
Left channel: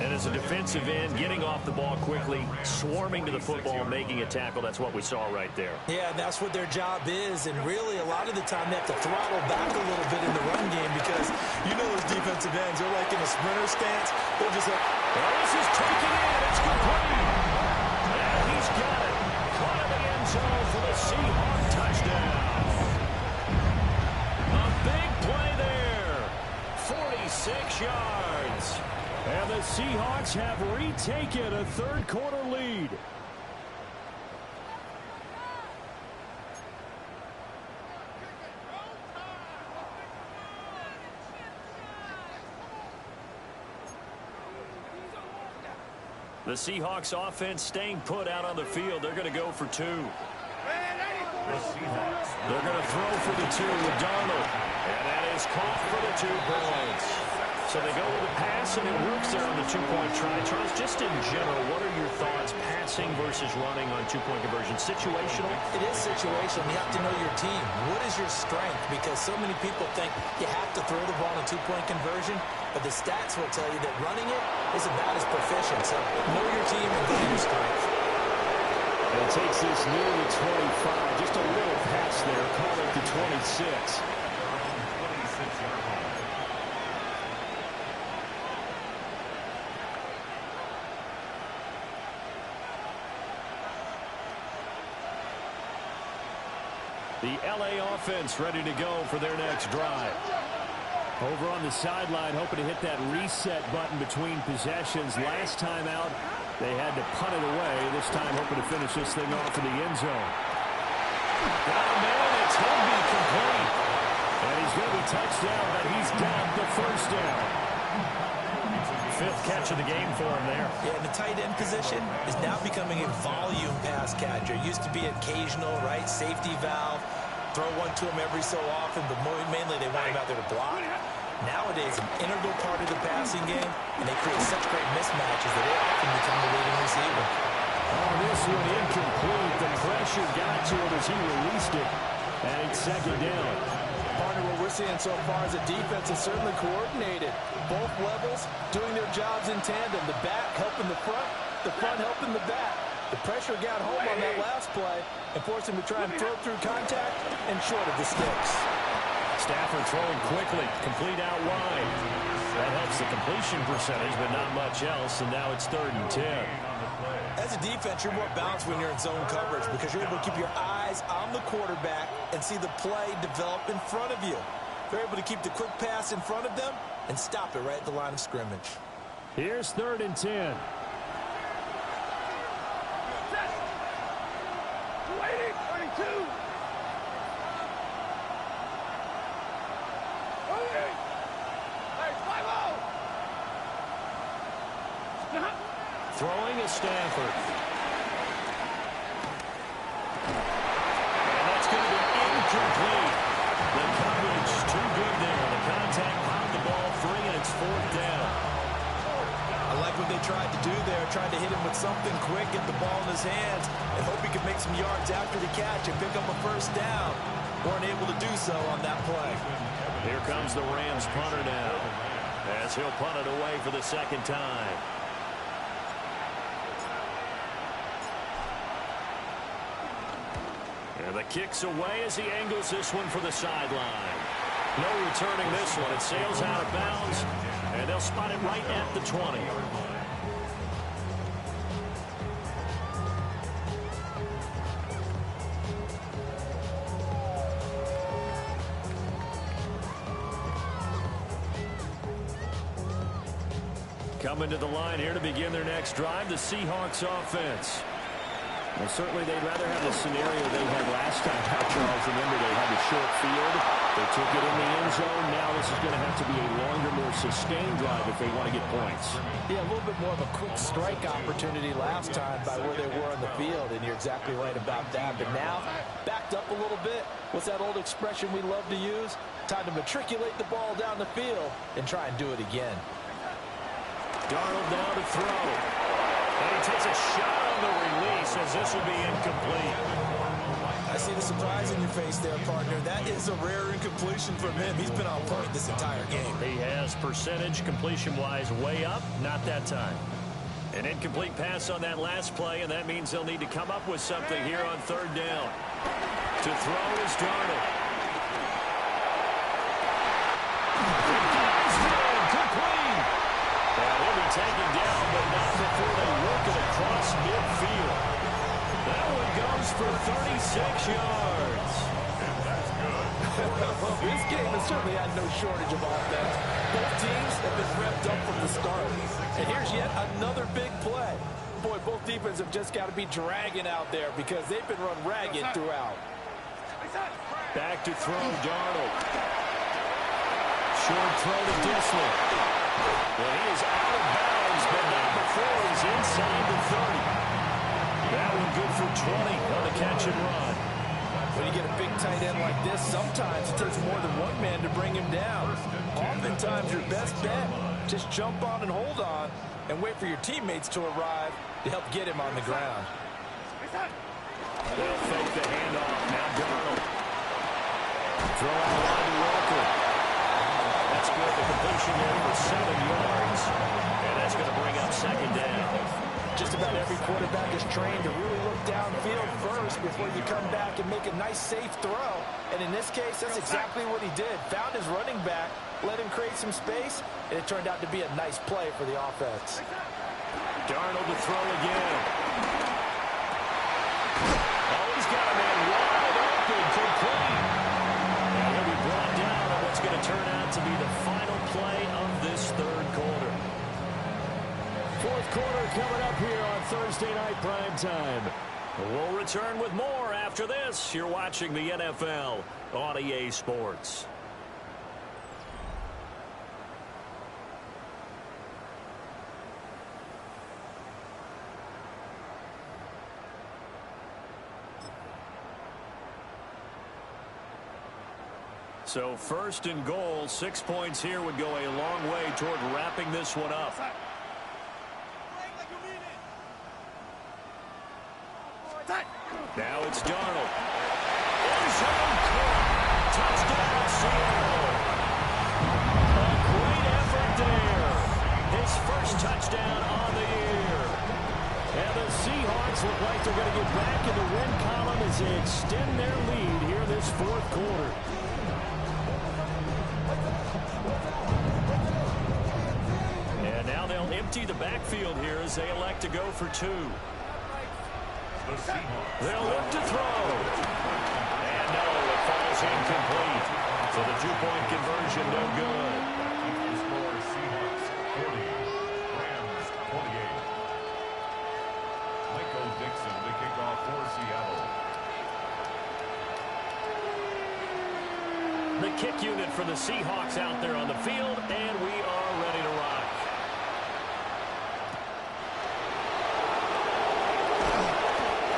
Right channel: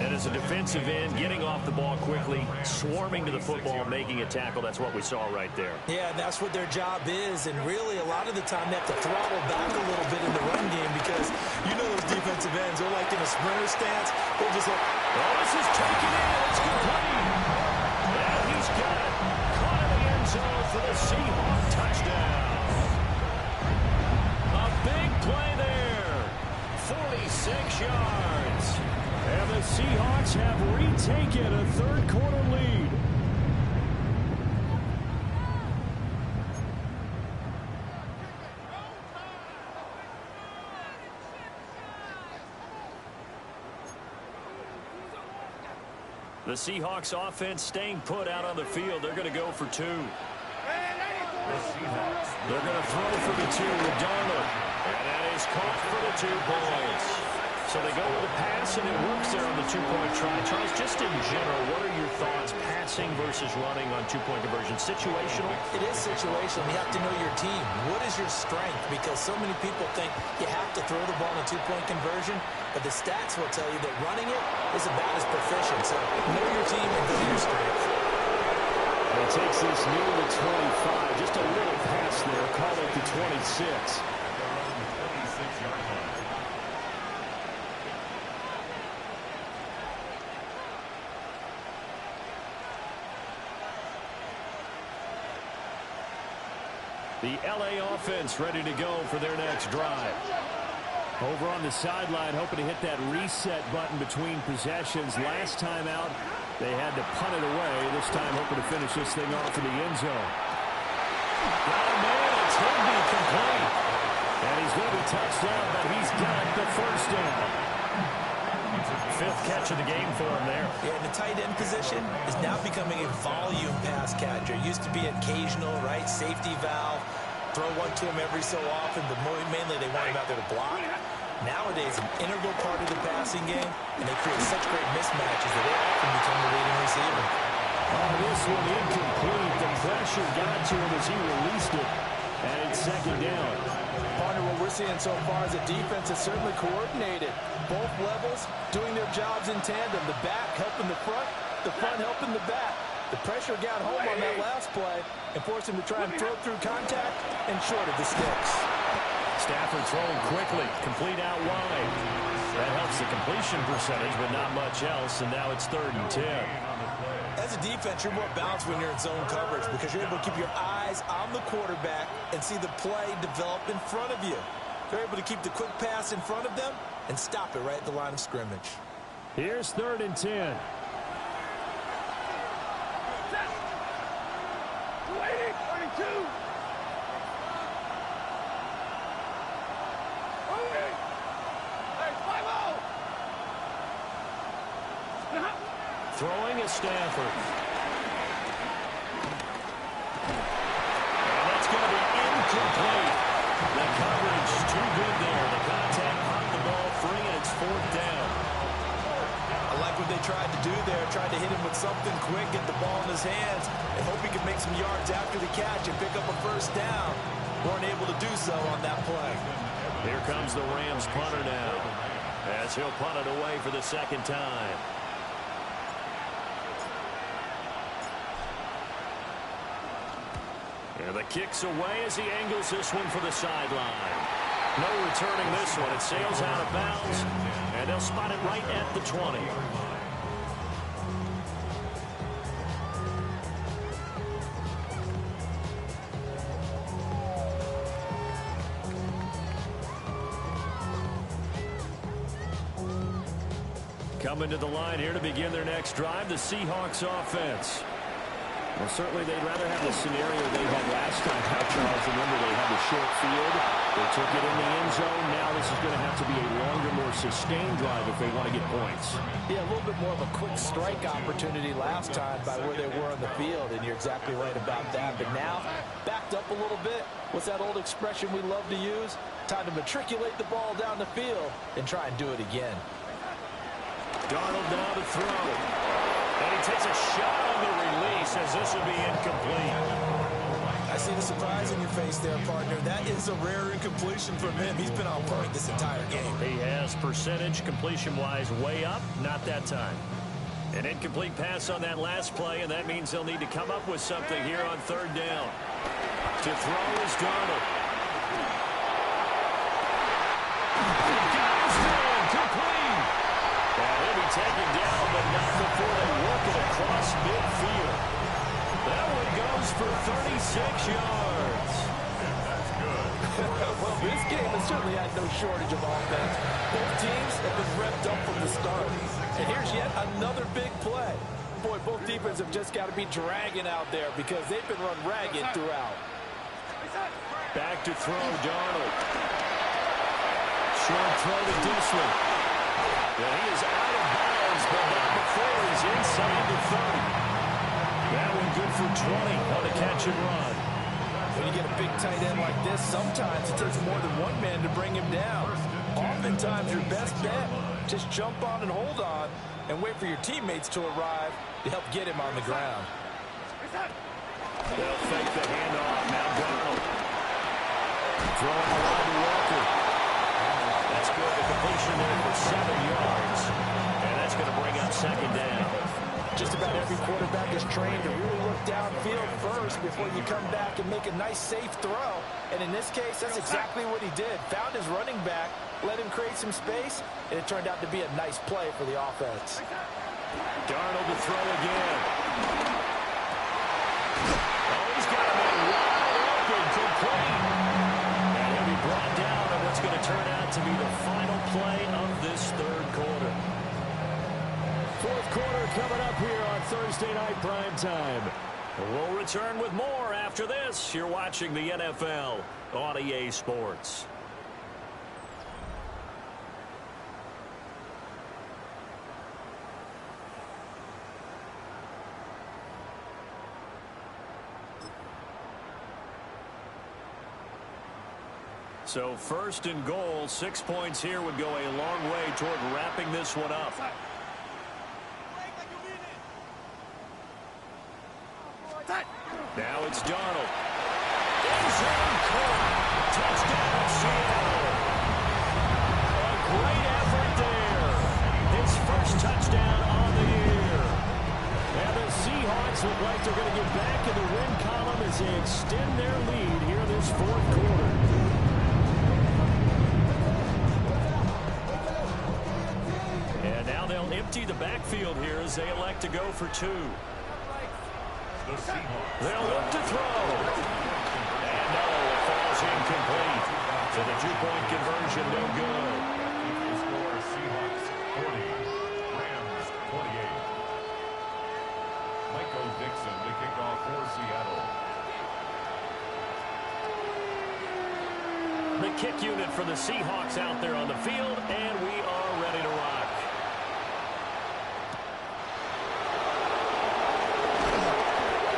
And as a defensive end, getting off the ball quickly, swarming to the football, making a tackle, that's what we saw right there. Yeah, that's what their job is, and really a lot of the time they have to throttle back a little bit in the run game because you know those defensive ends, they're like in a sprinter stance. They're just like, oh, this is taken in. It's complete. And he's got it. Caught in the end zone for the Seahawk touchdown. A big play there. 46 yards. And the Seahawks have retaken a 3rd quarter lead. The Seahawks offense staying put out on the field. They're going to go for 2. They're going to throw for the 2 with Darnold. And that is caught for the 2 points. So they go with the pass, and it works there on the 2-point try. Charles, just in general, what are your thoughts passing versus running on 2-point conversion? Situational? it is situational. You have to know your team. What is your strength? Because so many people think you have to throw the ball in a 2-point conversion, but the stats will tell you that running it is about as proficient. So know your team and go to your strength. And it takes this near the 25. Just a little pass there. Call it the 26. Their own 26-yard line. The L.A. offense ready to go for their next drive. Over on the sideline, hoping to hit that reset button between possessions. Last time out, they had to punt it away. This time, hoping to finish this thing off in the end zone. Got a man. It's Higby complete. And he's going to be touched down, but he's got the 1st down. 5th catch of the game for him there. Yeah, and the tight end position is now becoming a volume pass catcher. Used to be occasional, right? Safety valve. Throw one to him every so often, but mainly they want him out there to block. Nowadays, an integral part of the passing game, and they create such great mismatches that they often become the leading receiver. Oh, this one incomplete. The pressure got to him as he released it, and it's 2nd down. Partner, what we're seeing so far is a defense is certainly coordinated. Both levels doing their jobs in tandem. The back helping the front helping the back. The pressure got home on that last play and forced him to try and throw through contact and short of the sticks. Stafford throwing quickly, complete out wide. That helps the completion percentage, but not much else, and now it's 3rd and 10. As a defense, you're more balanced when you're in zone coverage because you're able to keep your eyes on the quarterback and see the play develop in front of you. They're able to keep the quick pass in front of them and stop it right at the line of scrimmage. Here's 3rd and 10. Waiting. 32. Moving. Hey, 5-0. Stop. Throwing is Stafford. And that's going to be incomplete. The coverage too good there. The contact popped the ball free, and it's 4th down. I like what they tried to do there. Tried to hit him with something quick, get the ball in his hands, and hope he could make some yards after the catch and pick up a 1st down. Weren't able to do so on that play. Here comes the Rams punter now, as he'll punt it away for the 2nd time. And the kick's away as he angles this one for the sideline. No returning this one. It sails out of bounds, and they'll spot it right at the 20. Coming to the line here to begin their next drive, the Seahawks offense. Well, certainly they'd rather have the scenario they had last time out, Charles. Remember, they had the short field. They took it in the end zone. Now this is going to have to be a longer, more sustained drive if they want to get points. Yeah, a little bit more of a quick strike opportunity last time by where they were on the field, and you're exactly right about that. But now, backed up a little bit. What's that old expression we love to use? Time to matriculate the ball down the field and try and do it again. Darnold now to throw. And he takes a shot on the release as this will be incomplete. I see the surprise in your face there, partner. That is a rare incompletion from him. He's been on point this entire game. He has percentage completion-wise way up, not that time. An incomplete pass on that last play, and that means they'll need to come up with something here on third down. To throw is Darnold. The gun is down, complete. And he'll be taken down, but not before they work it across midfield. That one goes for 36 yards. And that's good. Well, this game has certainly had no shortage of offense. Both teams have been revved up from the start. And here's yet another big play. Boy, both defenses have just got to be dragging out there because they've been run ragged throughout. Back to throw, Darnold. Short throw to Disley. And he is out of bounds, but not before he's inside the 30. That one good for 20 on the catch and run. When you get a big tight end like this, sometimes it takes more than one man to bring him down. Oftentimes, your best bet, just jump on and hold on and wait for your teammates to arrive to help get him on the ground. They'll fake the handoff. Now Darnold. Throw out wide to Walker. That's good. The completion there for 7 yards. And that's going to bring up second down. Just about every quarterback is trained to really look downfield first before you come back and make a nice, safe throw. And in this case, that's exactly what he did. Found his running back, let him create some space, and it turned out to be a nice play for the offense. Darnold to throw again. Oh, he's got a man wide open, complete. And he'll be brought down on what's going to turn out to be the final play of this third quarter. Fourth quarter coming up here on Thursday Night Primetime. We'll return with more after this. You're watching the NFL on EA Sports. So first and goal, 6 points here would go a long way toward wrapping this one up. Now it's Darnold. End zone caught. Touchdown, Seattle. A great effort there. His first touchdown on the year. And the Seahawks look like they're going to get back in the win column as they extend their lead here in this fourth quarter. And now they'll empty the backfield here as they elect to go for two. They'll look to throw. And no, it falls incomplete. So the two-point conversion no good. The score, Seahawks 40, Rams 28. Michael Dixon to kick off for Seattle. The kick unit for the Seahawks out there on the field, and we are ready to rock.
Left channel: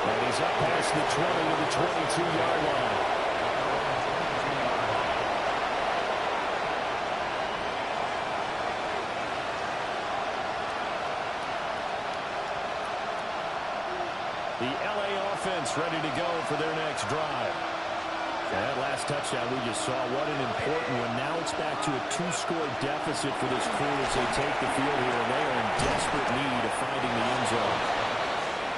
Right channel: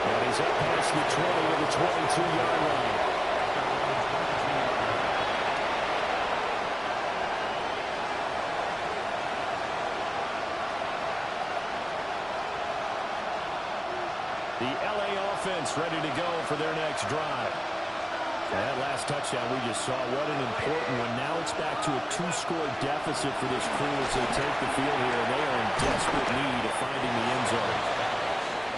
And he's up past the 20 to the 22-yard line. The LA offense ready to go for their next drive. And that last touchdown we just saw, what an important one. Now it's back to a two-score deficit for this crew as they take the field here, and they are in desperate need of finding the end zone.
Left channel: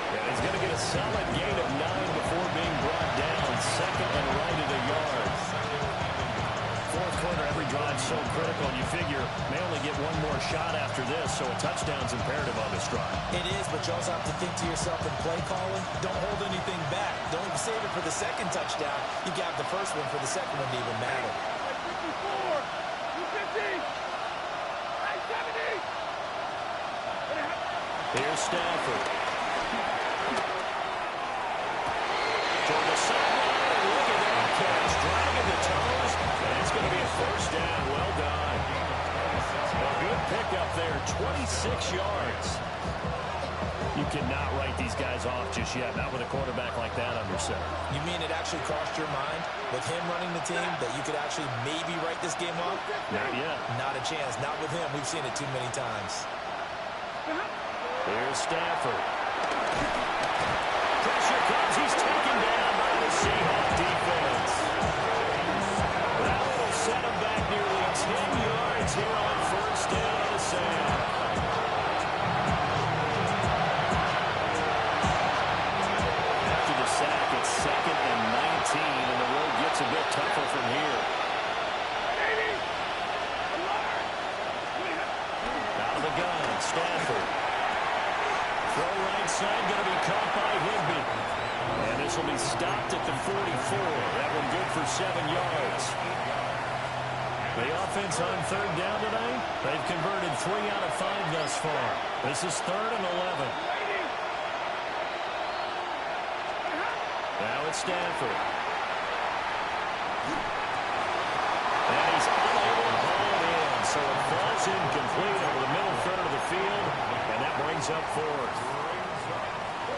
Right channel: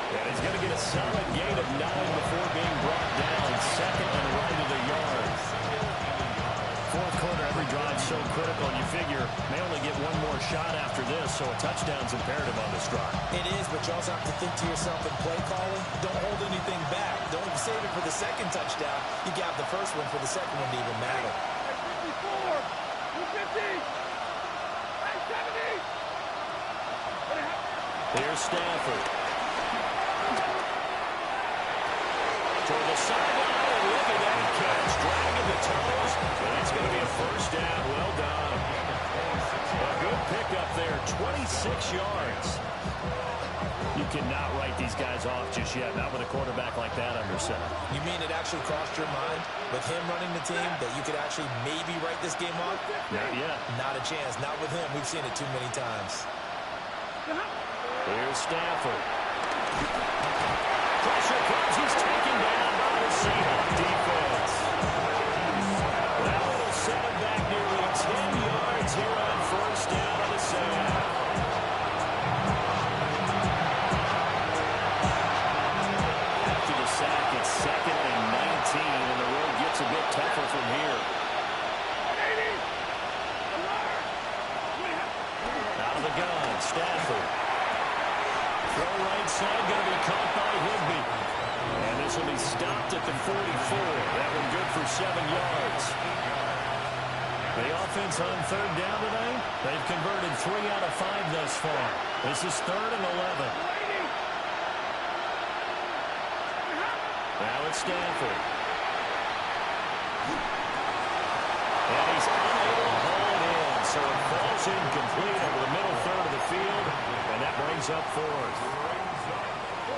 And he's going to get a solid gain of 9 before being brought down. Second and right of the yard. Fourth quarter, every drive so critical, and you figure may only get one more shot after this, so a touchdown's imperative on this drive. It is, but you also have to think to yourself in play calling, don't hold anything back. Don't save it for the second touchdown. You got the first one for the second one to even matter. 54, 250, 70. Here's Stafford. Toward the sideline, and look at that catch. Dragging the toes, and that's going to be a first down. Well done. A good pickup there, 26 yards. You cannot write these guys off just yet, not with a quarterback like that under center. You mean it actually crossed your mind with him running the team that you could actually maybe write this game off? Not yet. Not a chance. Not with him. We've seen it too many times. Here's Stafford. Pressure comes. He's taken down by the Seahawks defense. That will set him back nearly 10 yards here on first down on the sack. After the sack, it's 2nd and 19, and the road gets a bit tougher from here. Out of the gun, Stafford. Throw right side, going to be caught by Higbee. And this will be stopped at the 44. That one good for 7 yards. The offense on third down tonight, they've converted 3 out of 5 thus far. This is 3rd and 11. Now it's Stafford. And he's unable to haul it in, so it falls incomplete over the middle third of the field, and that brings up 4th.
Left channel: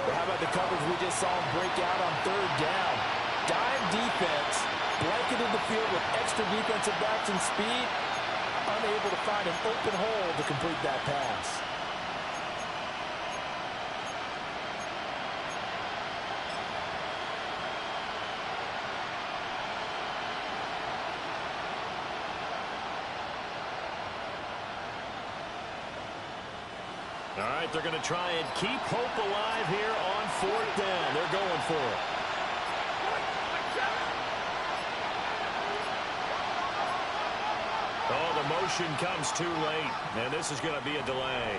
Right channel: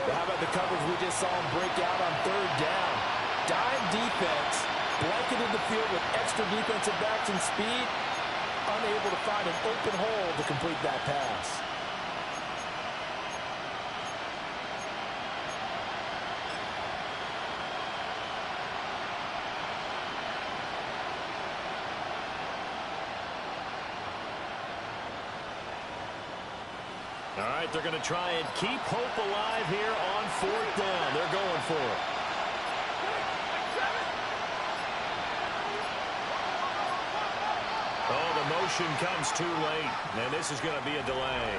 Well, how about the coverage we just saw him break out on third down? Dime defense, blanketed the field with extra defensive backs and speed, unable to find an open hole to complete that pass. All right, they're going to try and keep hope alive here on 4th down. They're going for it. Oh, the motion comes too late, and this is going to be a delay.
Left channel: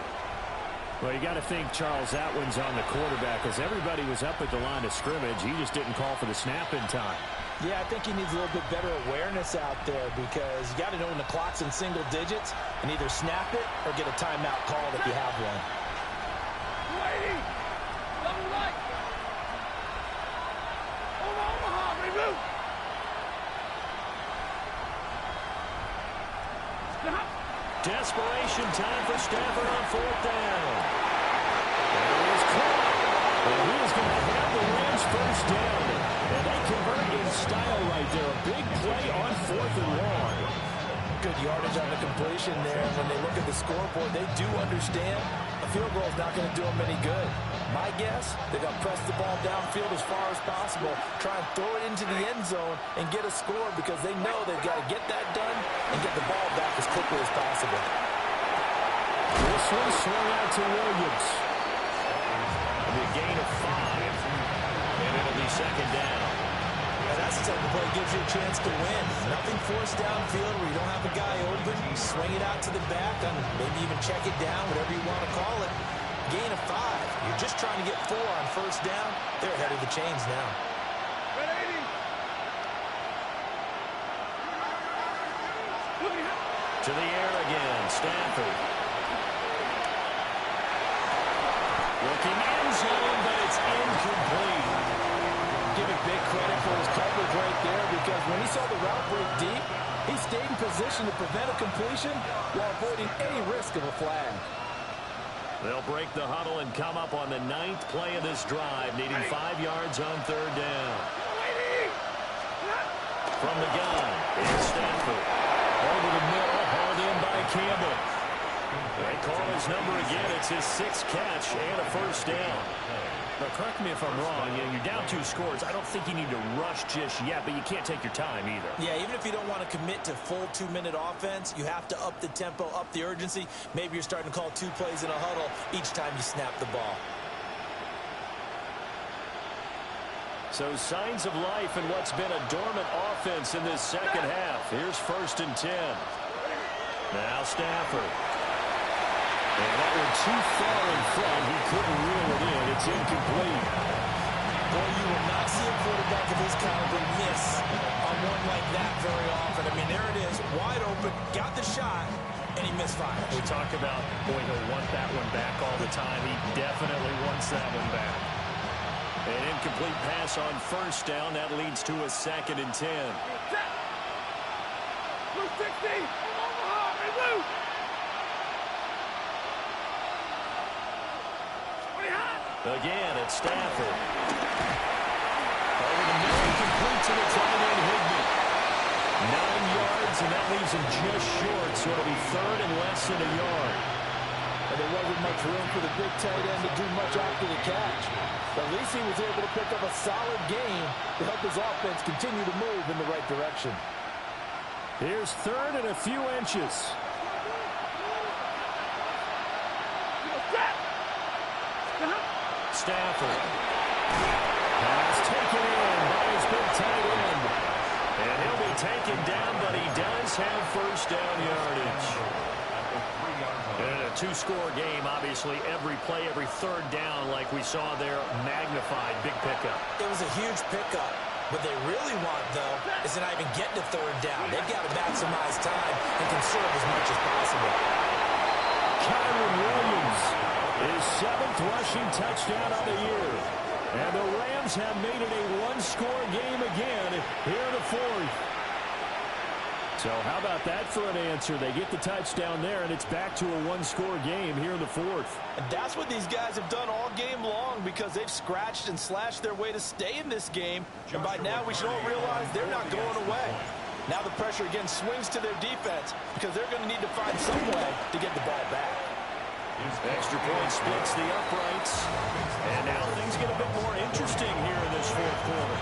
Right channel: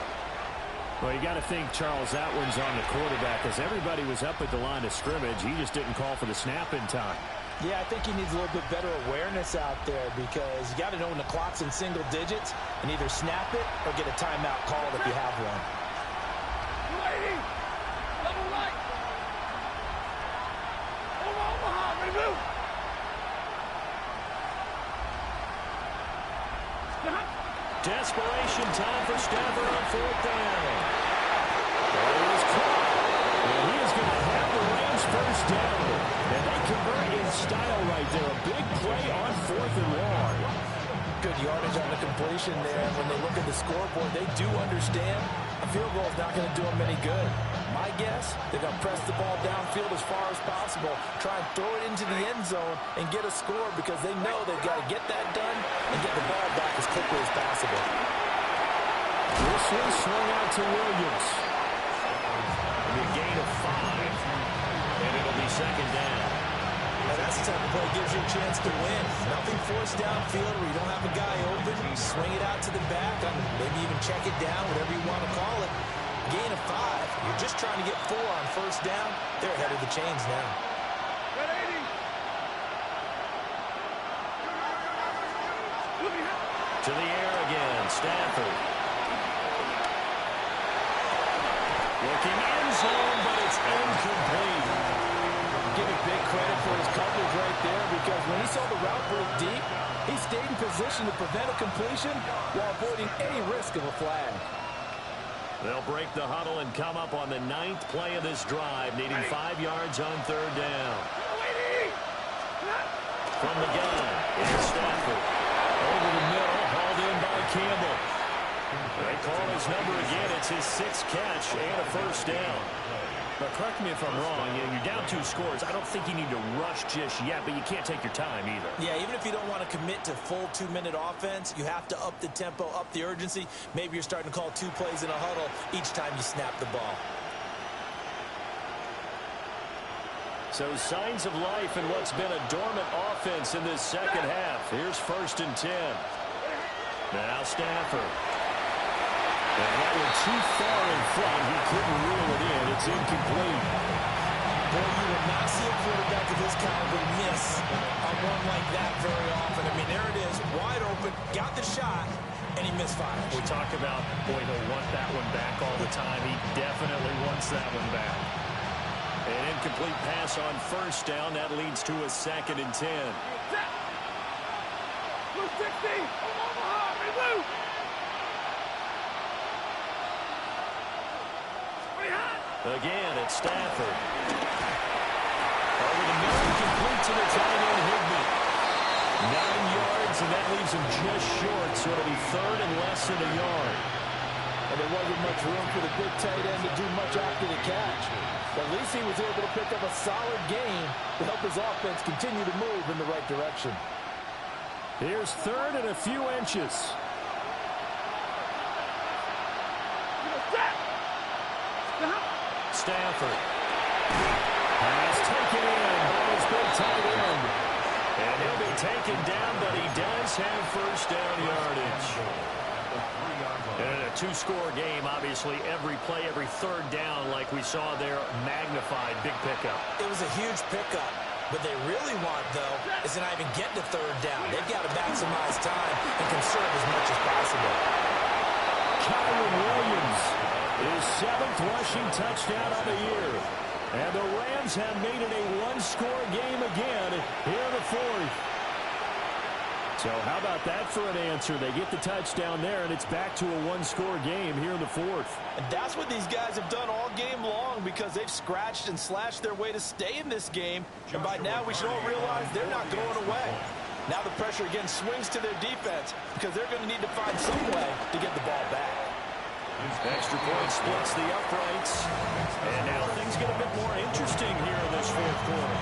Well, you got to think, Charles, that one's on the quarterback, as everybody was up at the line of scrimmage. He just didn't call for the snap in time. Yeah, I think he needs a little bit better awareness out there because you got to know when the clock's in single digits and either snap it or get a timeout called if you have one. Waiting. Double right. Omaha, ready, move. Desperation time for Stafford on 4th down. And it is caught. And he is going to have the Rams first down. And they convert in style right there. A big play on 4th and long. Good yardage on the completion there. When they look at the scoreboard, they do understand a field goal is not going to do them any good. My guess, they're going to press the ball downfield as far as possible, try and throw it into the end zone and get a score because they know they've got to get that done and get the ball back as quickly as possible. This one swung out to Williams. It'll be a gain of 5, and it'll be 2nd down. Now that's the type of play that gives you a chance to win. Nothing forced downfield where you don't have a guy open. You swing it out to the back, maybe even check it down, whatever you want to call it. Gain of 5. You're just trying to get 4 on first down. They're ahead of the chains now. To the air again, Stafford. Looking end zone, but it's incomplete. Give him big credit for his coverage right there because when he saw the route break deep, he stayed in position to prevent a completion while avoiding any risk of a flag. They'll break the huddle and come up on the 9th play of this drive, needing 5 yards on third down. From the gun, it's Stafford. Over the middle, hauled in by Campbell. They call his number again. It's his 6th catch and a first down. But correct me if I'm wrong, you're down 2 scores. I don't think you need to rush just yet, but you can't take your time either. Yeah, even if you don't want to commit to full 2-minute offense, you have to up the tempo, up the urgency. Maybe you're starting to call 2 plays in a huddle each time you snap the ball. So signs of life in what's been a dormant offense in this second half. Here's 1st and 10. Now Stafford. And that one too far in front. He couldn't reel it in. It's incomplete. Boy, you will not see a quarterback of his caliber miss on one like that very often. I mean, there it is, wide open, got the shot, and he misfires. We talk about, boy, he'll want that one back all the time. He definitely wants that one back. An incomplete pass on first down. That leads to a 2nd and 10. Blue 60, Omaha, red blue. Again, it's Stafford. Over the middle, complete to the tight end, Higbee. 9 yards, and that leaves him just short, so it'll be 3rd and less than a yard. And there wasn't much room for the big tight end to do much after the catch. But at least he was able to pick up a solid gain to help his offense continue to move in the right direction. Here's 3rd and a few inches. Stafford. Pass taken in by his big tight end. And he'll be taken down, but he does have first down yardage. And in a 2-score game, obviously, every play, every 3rd down, like we saw there, magnified. Big pickup. It was a huge pickup. What they really want, though, is to not even get to 3rd down. They've got to maximize time and conserve as much as possible. Kyron Williams, his 7th rushing touchdown of the year. And the Rams have made it a 1-score game again here in the 4th. So how about that for an answer? They get the touchdown there, and it's back to a 1-score game here in the 4th. And that's what these guys have done all game long, because they've scratched and slashed their way to stay in this game. And by now we should all realize they're not going away. Now the pressure again swings to their defense, because they're going to need to find some way to get the ball back. Extra point splits the uprights. And now things get a bit more interesting here in this 4th quarter.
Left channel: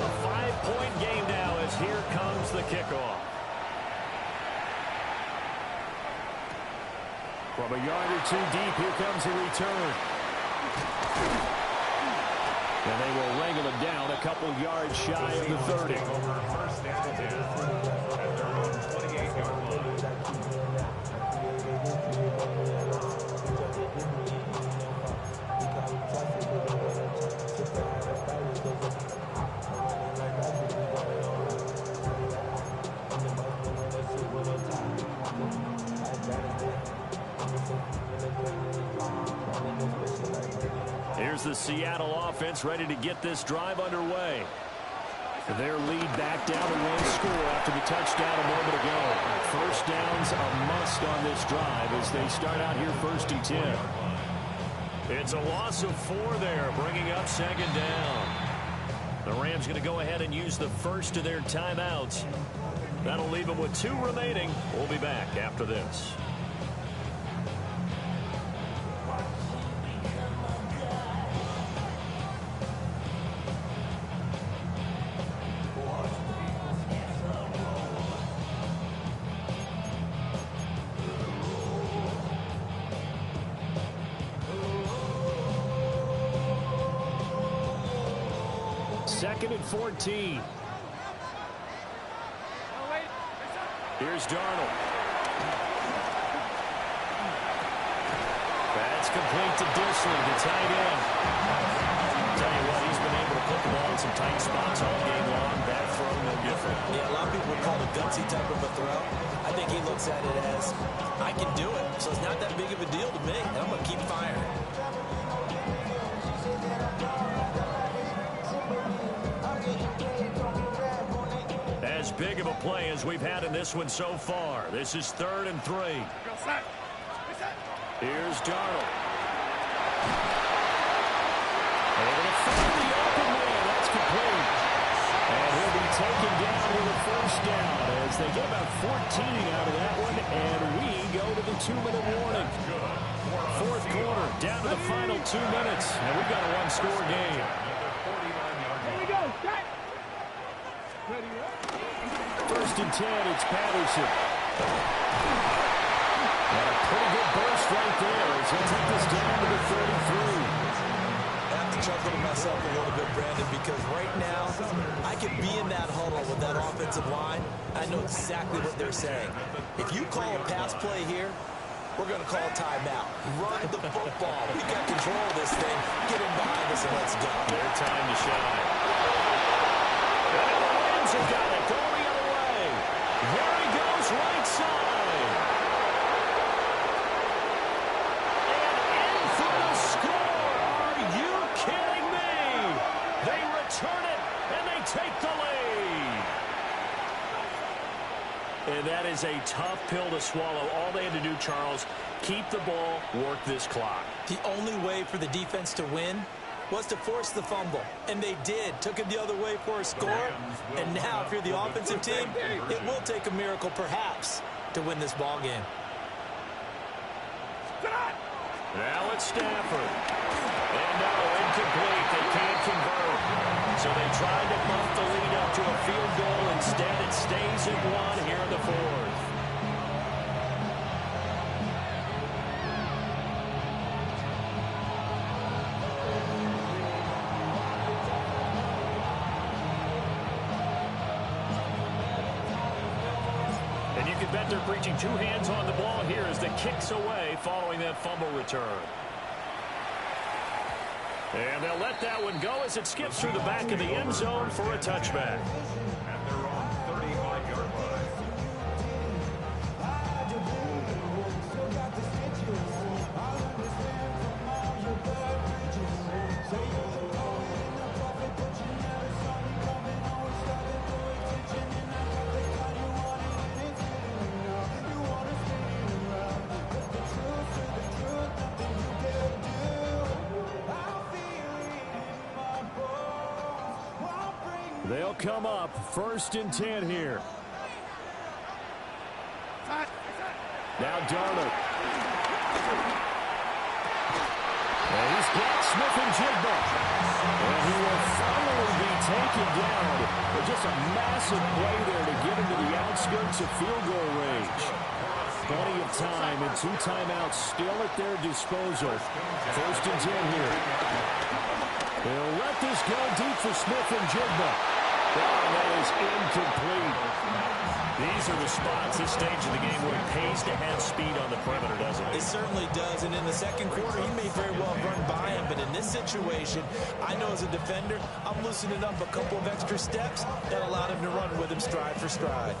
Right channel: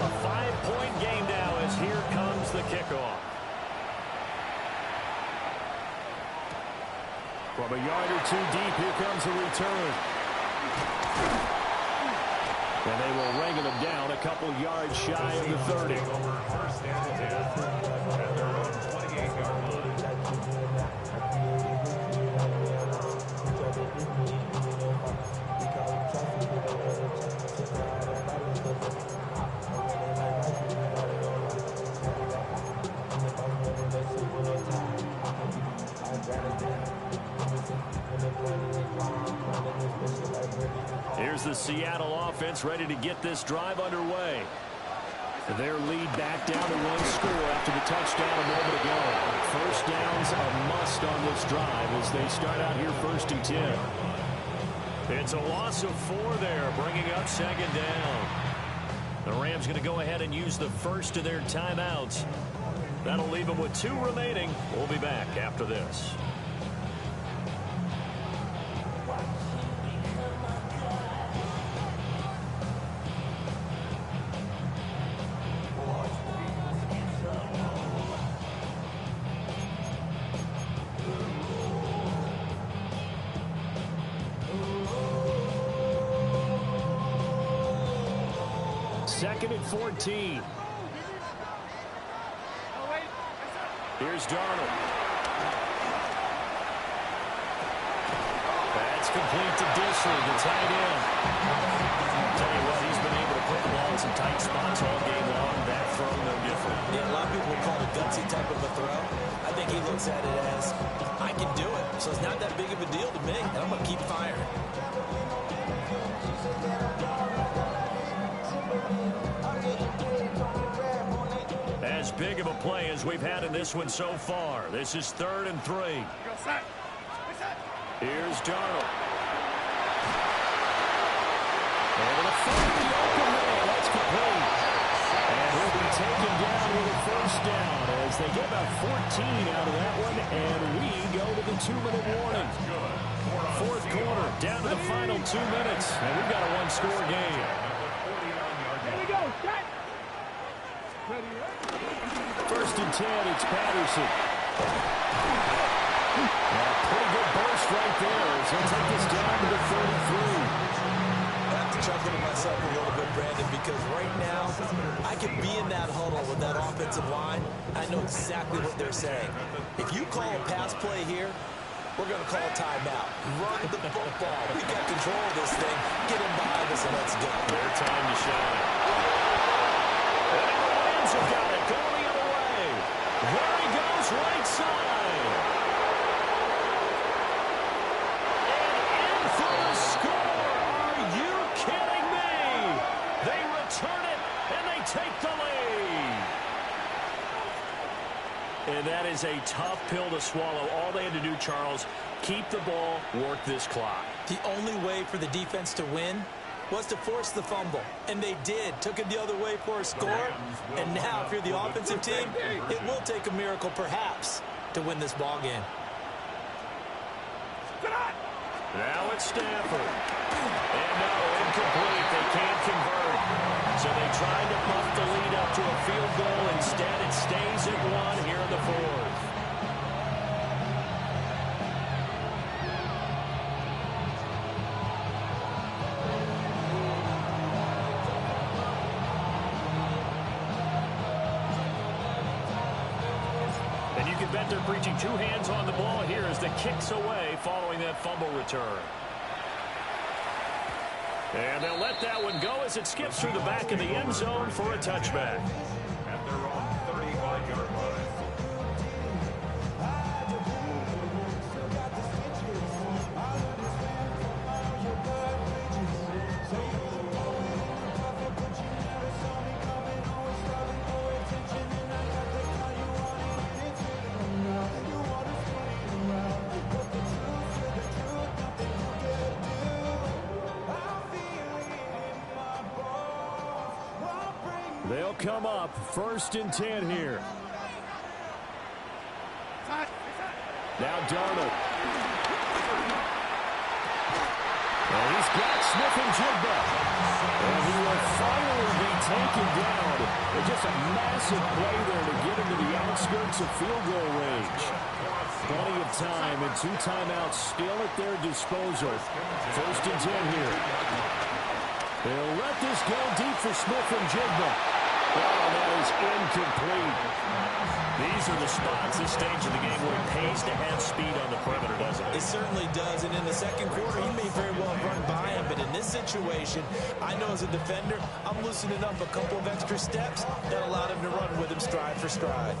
A 5-point game now as here comes the kickoff. From a yard or 2 deep, here comes a return. And they will wrangle him down a couple yards shy of the 30. First down and 10 at their own 28-yard line. Here's the Seattle offense ready to get this drive underway. Their lead back down to 1 score after the touchdown a moment ago. First down's a must on this drive as they start out here 1st and 10. It's a loss of 4 there, bringing up 2nd down. The Rams going to go ahead and use the first of their timeouts. That'll leave them with 2 remaining. We'll be back after this. Second and 14. Here's Darnold. That's complete to Disley, the tight end. Tell you what, he's been able to put the ball in some tight spots all game long. That throw, no different. Yeah, a lot of people would call it a gutsy type of a throw. I think he looks at it as, I can do it, so it's not that big of a deal to me, and I'm going to keep firing. As big of a play as we've had in this one so far. This is 3rd and 3. Here's Darnold. Able to find the open man. That's complete. And he'll be taken down with a first down as they get about 14 out of that one. And we go to the 2-minute warning. 4th quarter, down to the final 2 minutes. And we've got a 1-score game. Here we go. Set. Ready, right? 1st and 10, it's Patterson. And a pretty good burst right there as he'll take this down to the 33. Have to to chuckle to myself a little bit, Brandon, because right now I could be in that huddle with that offensive line. I know exactly what they're saying. If you call a pass play here, we're going to call a timeout. Run the football. We got control of this thing. Get in behind us and let's go. Their time to shine. And now the Rams have got it. Going the other way. There he goes, right side. And in for the score. Are you kidding me? They return it, and they take the lead. And that is a tough pill to swallow. All they had to do, Charles, keep the ball, work this clock. The only way for the defense to win was to force the fumble. And they did. Took it the other way for a score. And now, if you're the offensive team, it will take a miracle, perhaps, to win this ball game. Now it's Stafford. And no, incomplete. They can't convert. So they tried to bump the lead up to a field goal. Instead, it stays at 1 here in the fourth. And you can bet they're preaching 2 hands on the ball here as the kick's away following that fumble return. And they'll let that one go as it skips through the back of the end zone for a touchback. At their own 35-yard line. They'll come up 1st and 10 here. Now Darnold. And he's got Smith-Njigba. And he will finally be taken down. But just a massive play there to get him to the outskirts of field goal range. Plenty of time and 2 timeouts still at their disposal. 1st and 10 here. They'll let this go deep for Smith-Njigba. Oh, that is incomplete. These are the spots, this stage of the game, where it pays to have speed on the perimeter, doesn't it? It certainly does, and in the second quarter, he may very well run by him, but in this situation, I know as a defender, I'm loosening up a couple of extra steps that allowed him to run with him stride for stride.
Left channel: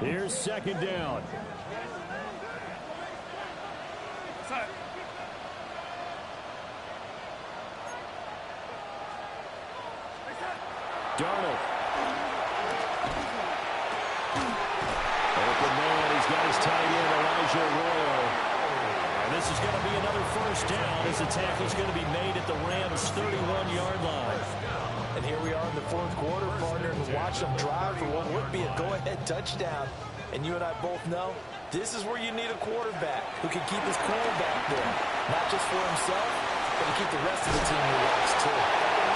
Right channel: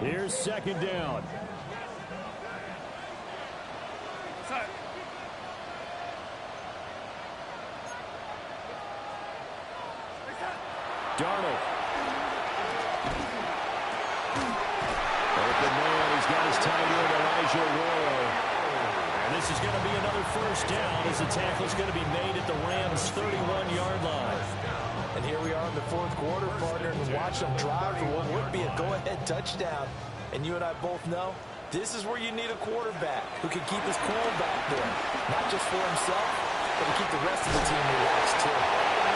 Here's 2nd down. Darnold. Open man. He's got his tight end, Elijah Arroyo. And this is going to be another 1st down as the tackle's going to be made at the Rams' 31-yard line. And here we are in the 4th quarter, partner, and watch them drive for what would be a go-ahead touchdown. And you and I both know this is where you need a quarterback who can keep his cool back there. Not just for himself, but to keep the rest of the team relaxed, too.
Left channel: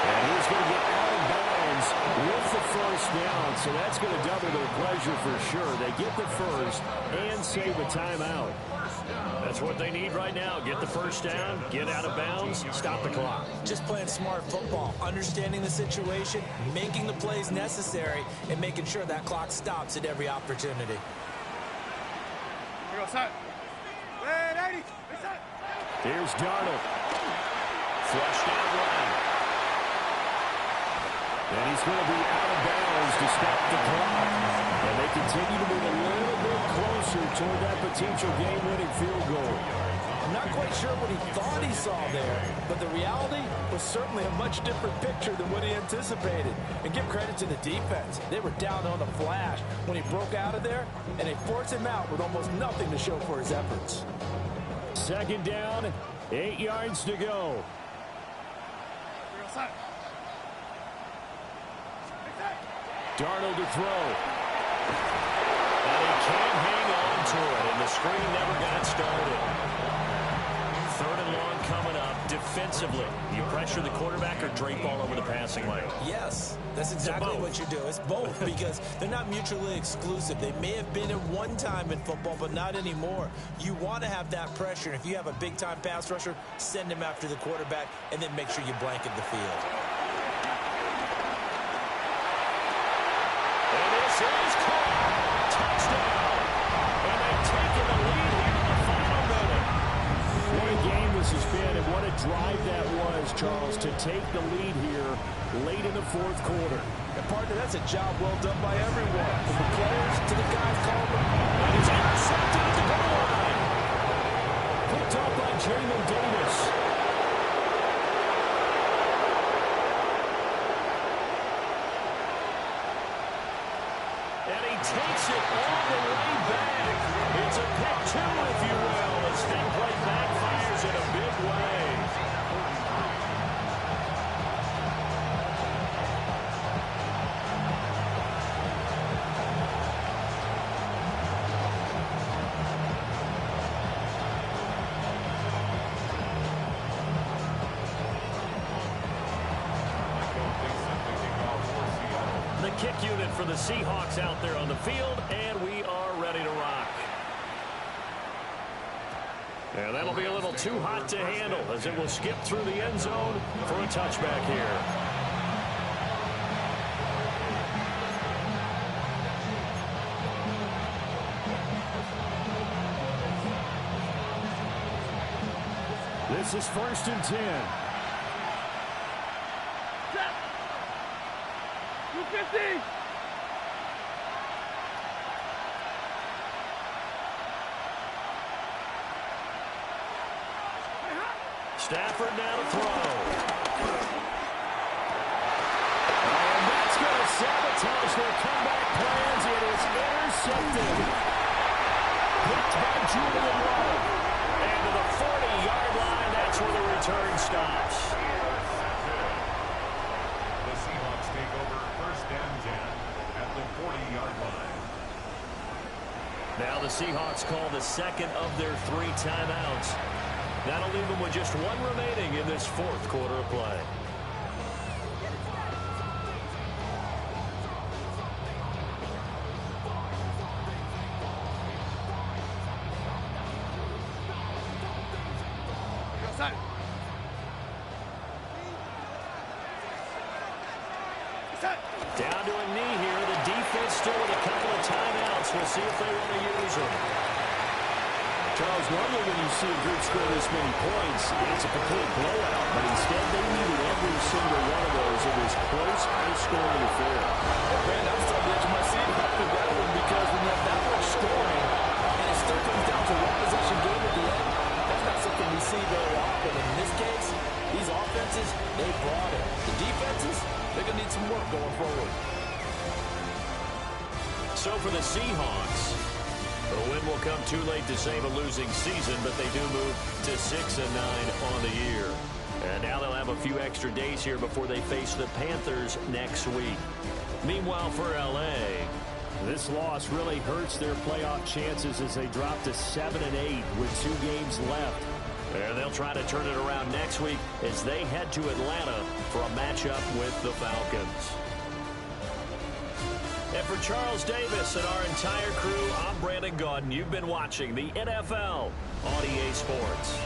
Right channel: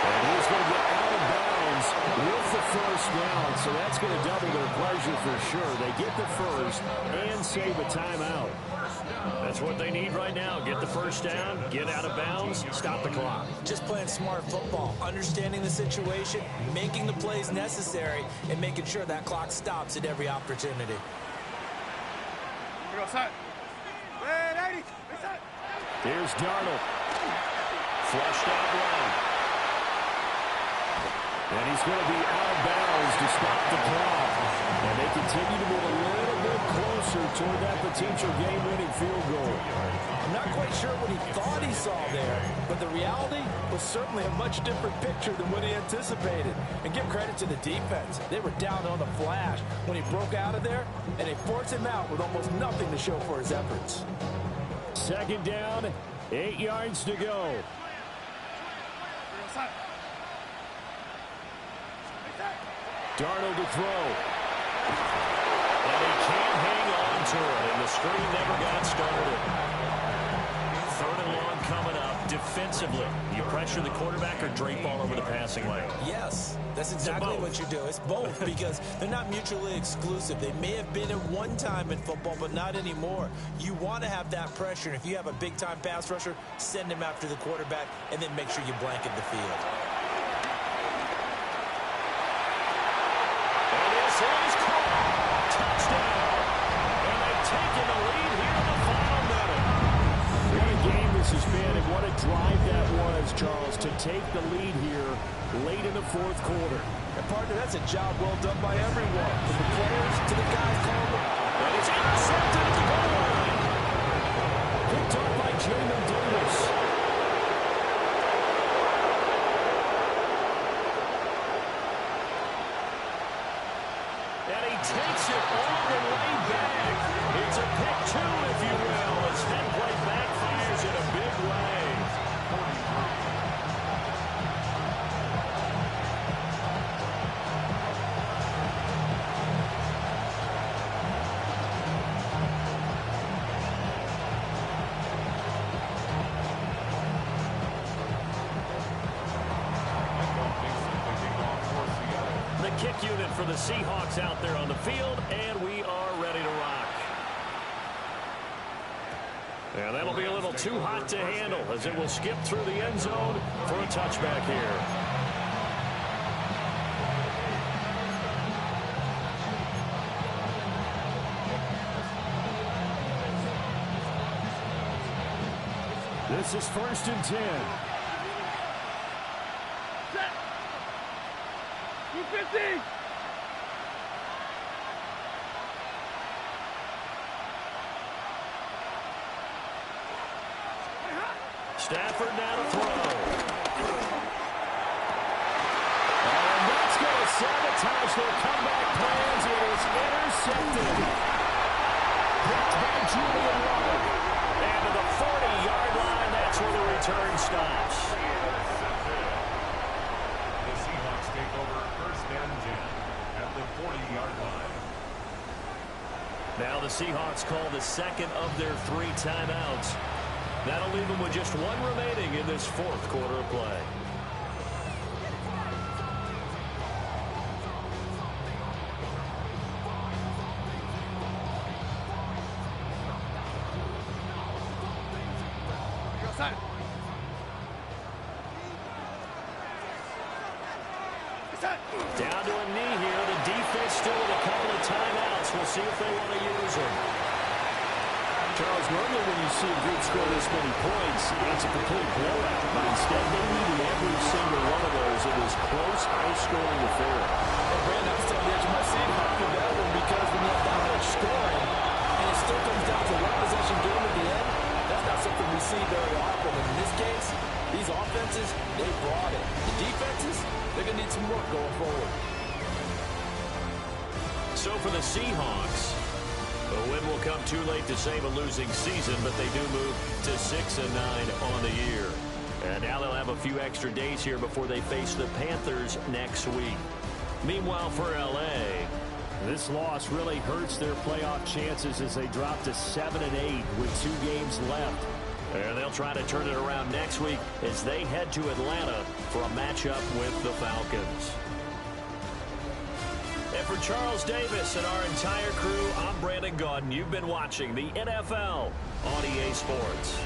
And he's going to get out of bounds with the 1st down, so that's going to double their pleasure for sure. They get the 1st and save a timeout. That's what they need right now. Get the 1st down, get out of bounds, stop the clock. Just playing smart football, understanding the situation, making the plays necessary, and making sure that clock stops at every opportunity. Here's Darnold. Flushed out right. And he's going to be out of bounds to stop the clock. And they continue to move a little bit closer toward that potential game-winning field goal. I'm not quite sure what he thought he saw there, but the reality was certainly a much different picture than what he anticipated. And give credit to the defense. They were down on the flash when he broke out of there, and they forced him out with almost nothing to show for his efforts. 2nd down, 8 yards to go. Darnold to throw. And he can't hang on to it, and the screen never got started. 3rd and long coming up defensively. You pressure the quarterback or drape all over the passing lane? Yes, that's exactly what you do. It's both because they're not mutually exclusive. They may have been at one time in football, but not anymore. You want to have that pressure. And if you have a big-time pass rusher, send him after the quarterback and then make sure you blanket the field. And this is caught. Touchdown. And they've taken the lead here in the final minute. What a game this has been, and what a drive that was, Charles, to take the lead here late in the fourth quarter. And, partner, that's a job well done by everyone, from the players to the guys calling them. And he's intercepted at the goal line. Picked off by Jamin Davis. And he takes it all the way back. It's a pick two, if you will, as that play backfires in a big way. The kick unit for the Seahawks out there on the field, and we are ready to rock. And that'll be a little too hot to handle as it will skip through the end zone for a touchback here. This is 1st and 10. Set. 250. Stafford now to throw. And that's going to sabotage their comeback plans. It is intercepted. Picked by Julian Love. And to the 40-yard line, that's where the return stops. The Seahawks take over 1st and 10 at the 40-yard line. Now the Seahawks call the second of their 3 timeouts. That'll leave them with just 1 remaining in this 4th quarter of play. Down to a knee here. The defense still with a couple of timeouts. We'll see if they want to use them. Charles, normally when you see a group score this many points, it's a complete blowout. But instead, they needed every single one of those. It was close, high-scoring affair. And, Brandon, I'm still on the edge of my seat after that one because when you have that much scoring and it still comes down to one-possession game at the end, that's not something we see very often. And in this case, these offenses, they brought it. The defenses, they're going to need some work going forward. So for the Seahawks, the win will come too late to save a losing season, but they do move to 6-9 on the year. And now they'll have a few extra days here before they face the Panthers next week. Meanwhile, for L.A., this loss really hurts their playoff chances as they drop to 7-8 with 2 games left. And they'll try to turn it around next week as they head to Atlanta for a matchup with the Falcons. And for Charles Davis and our entire crew, I'm Brandon Gaudin. You've been watching the NFL on EA Sports.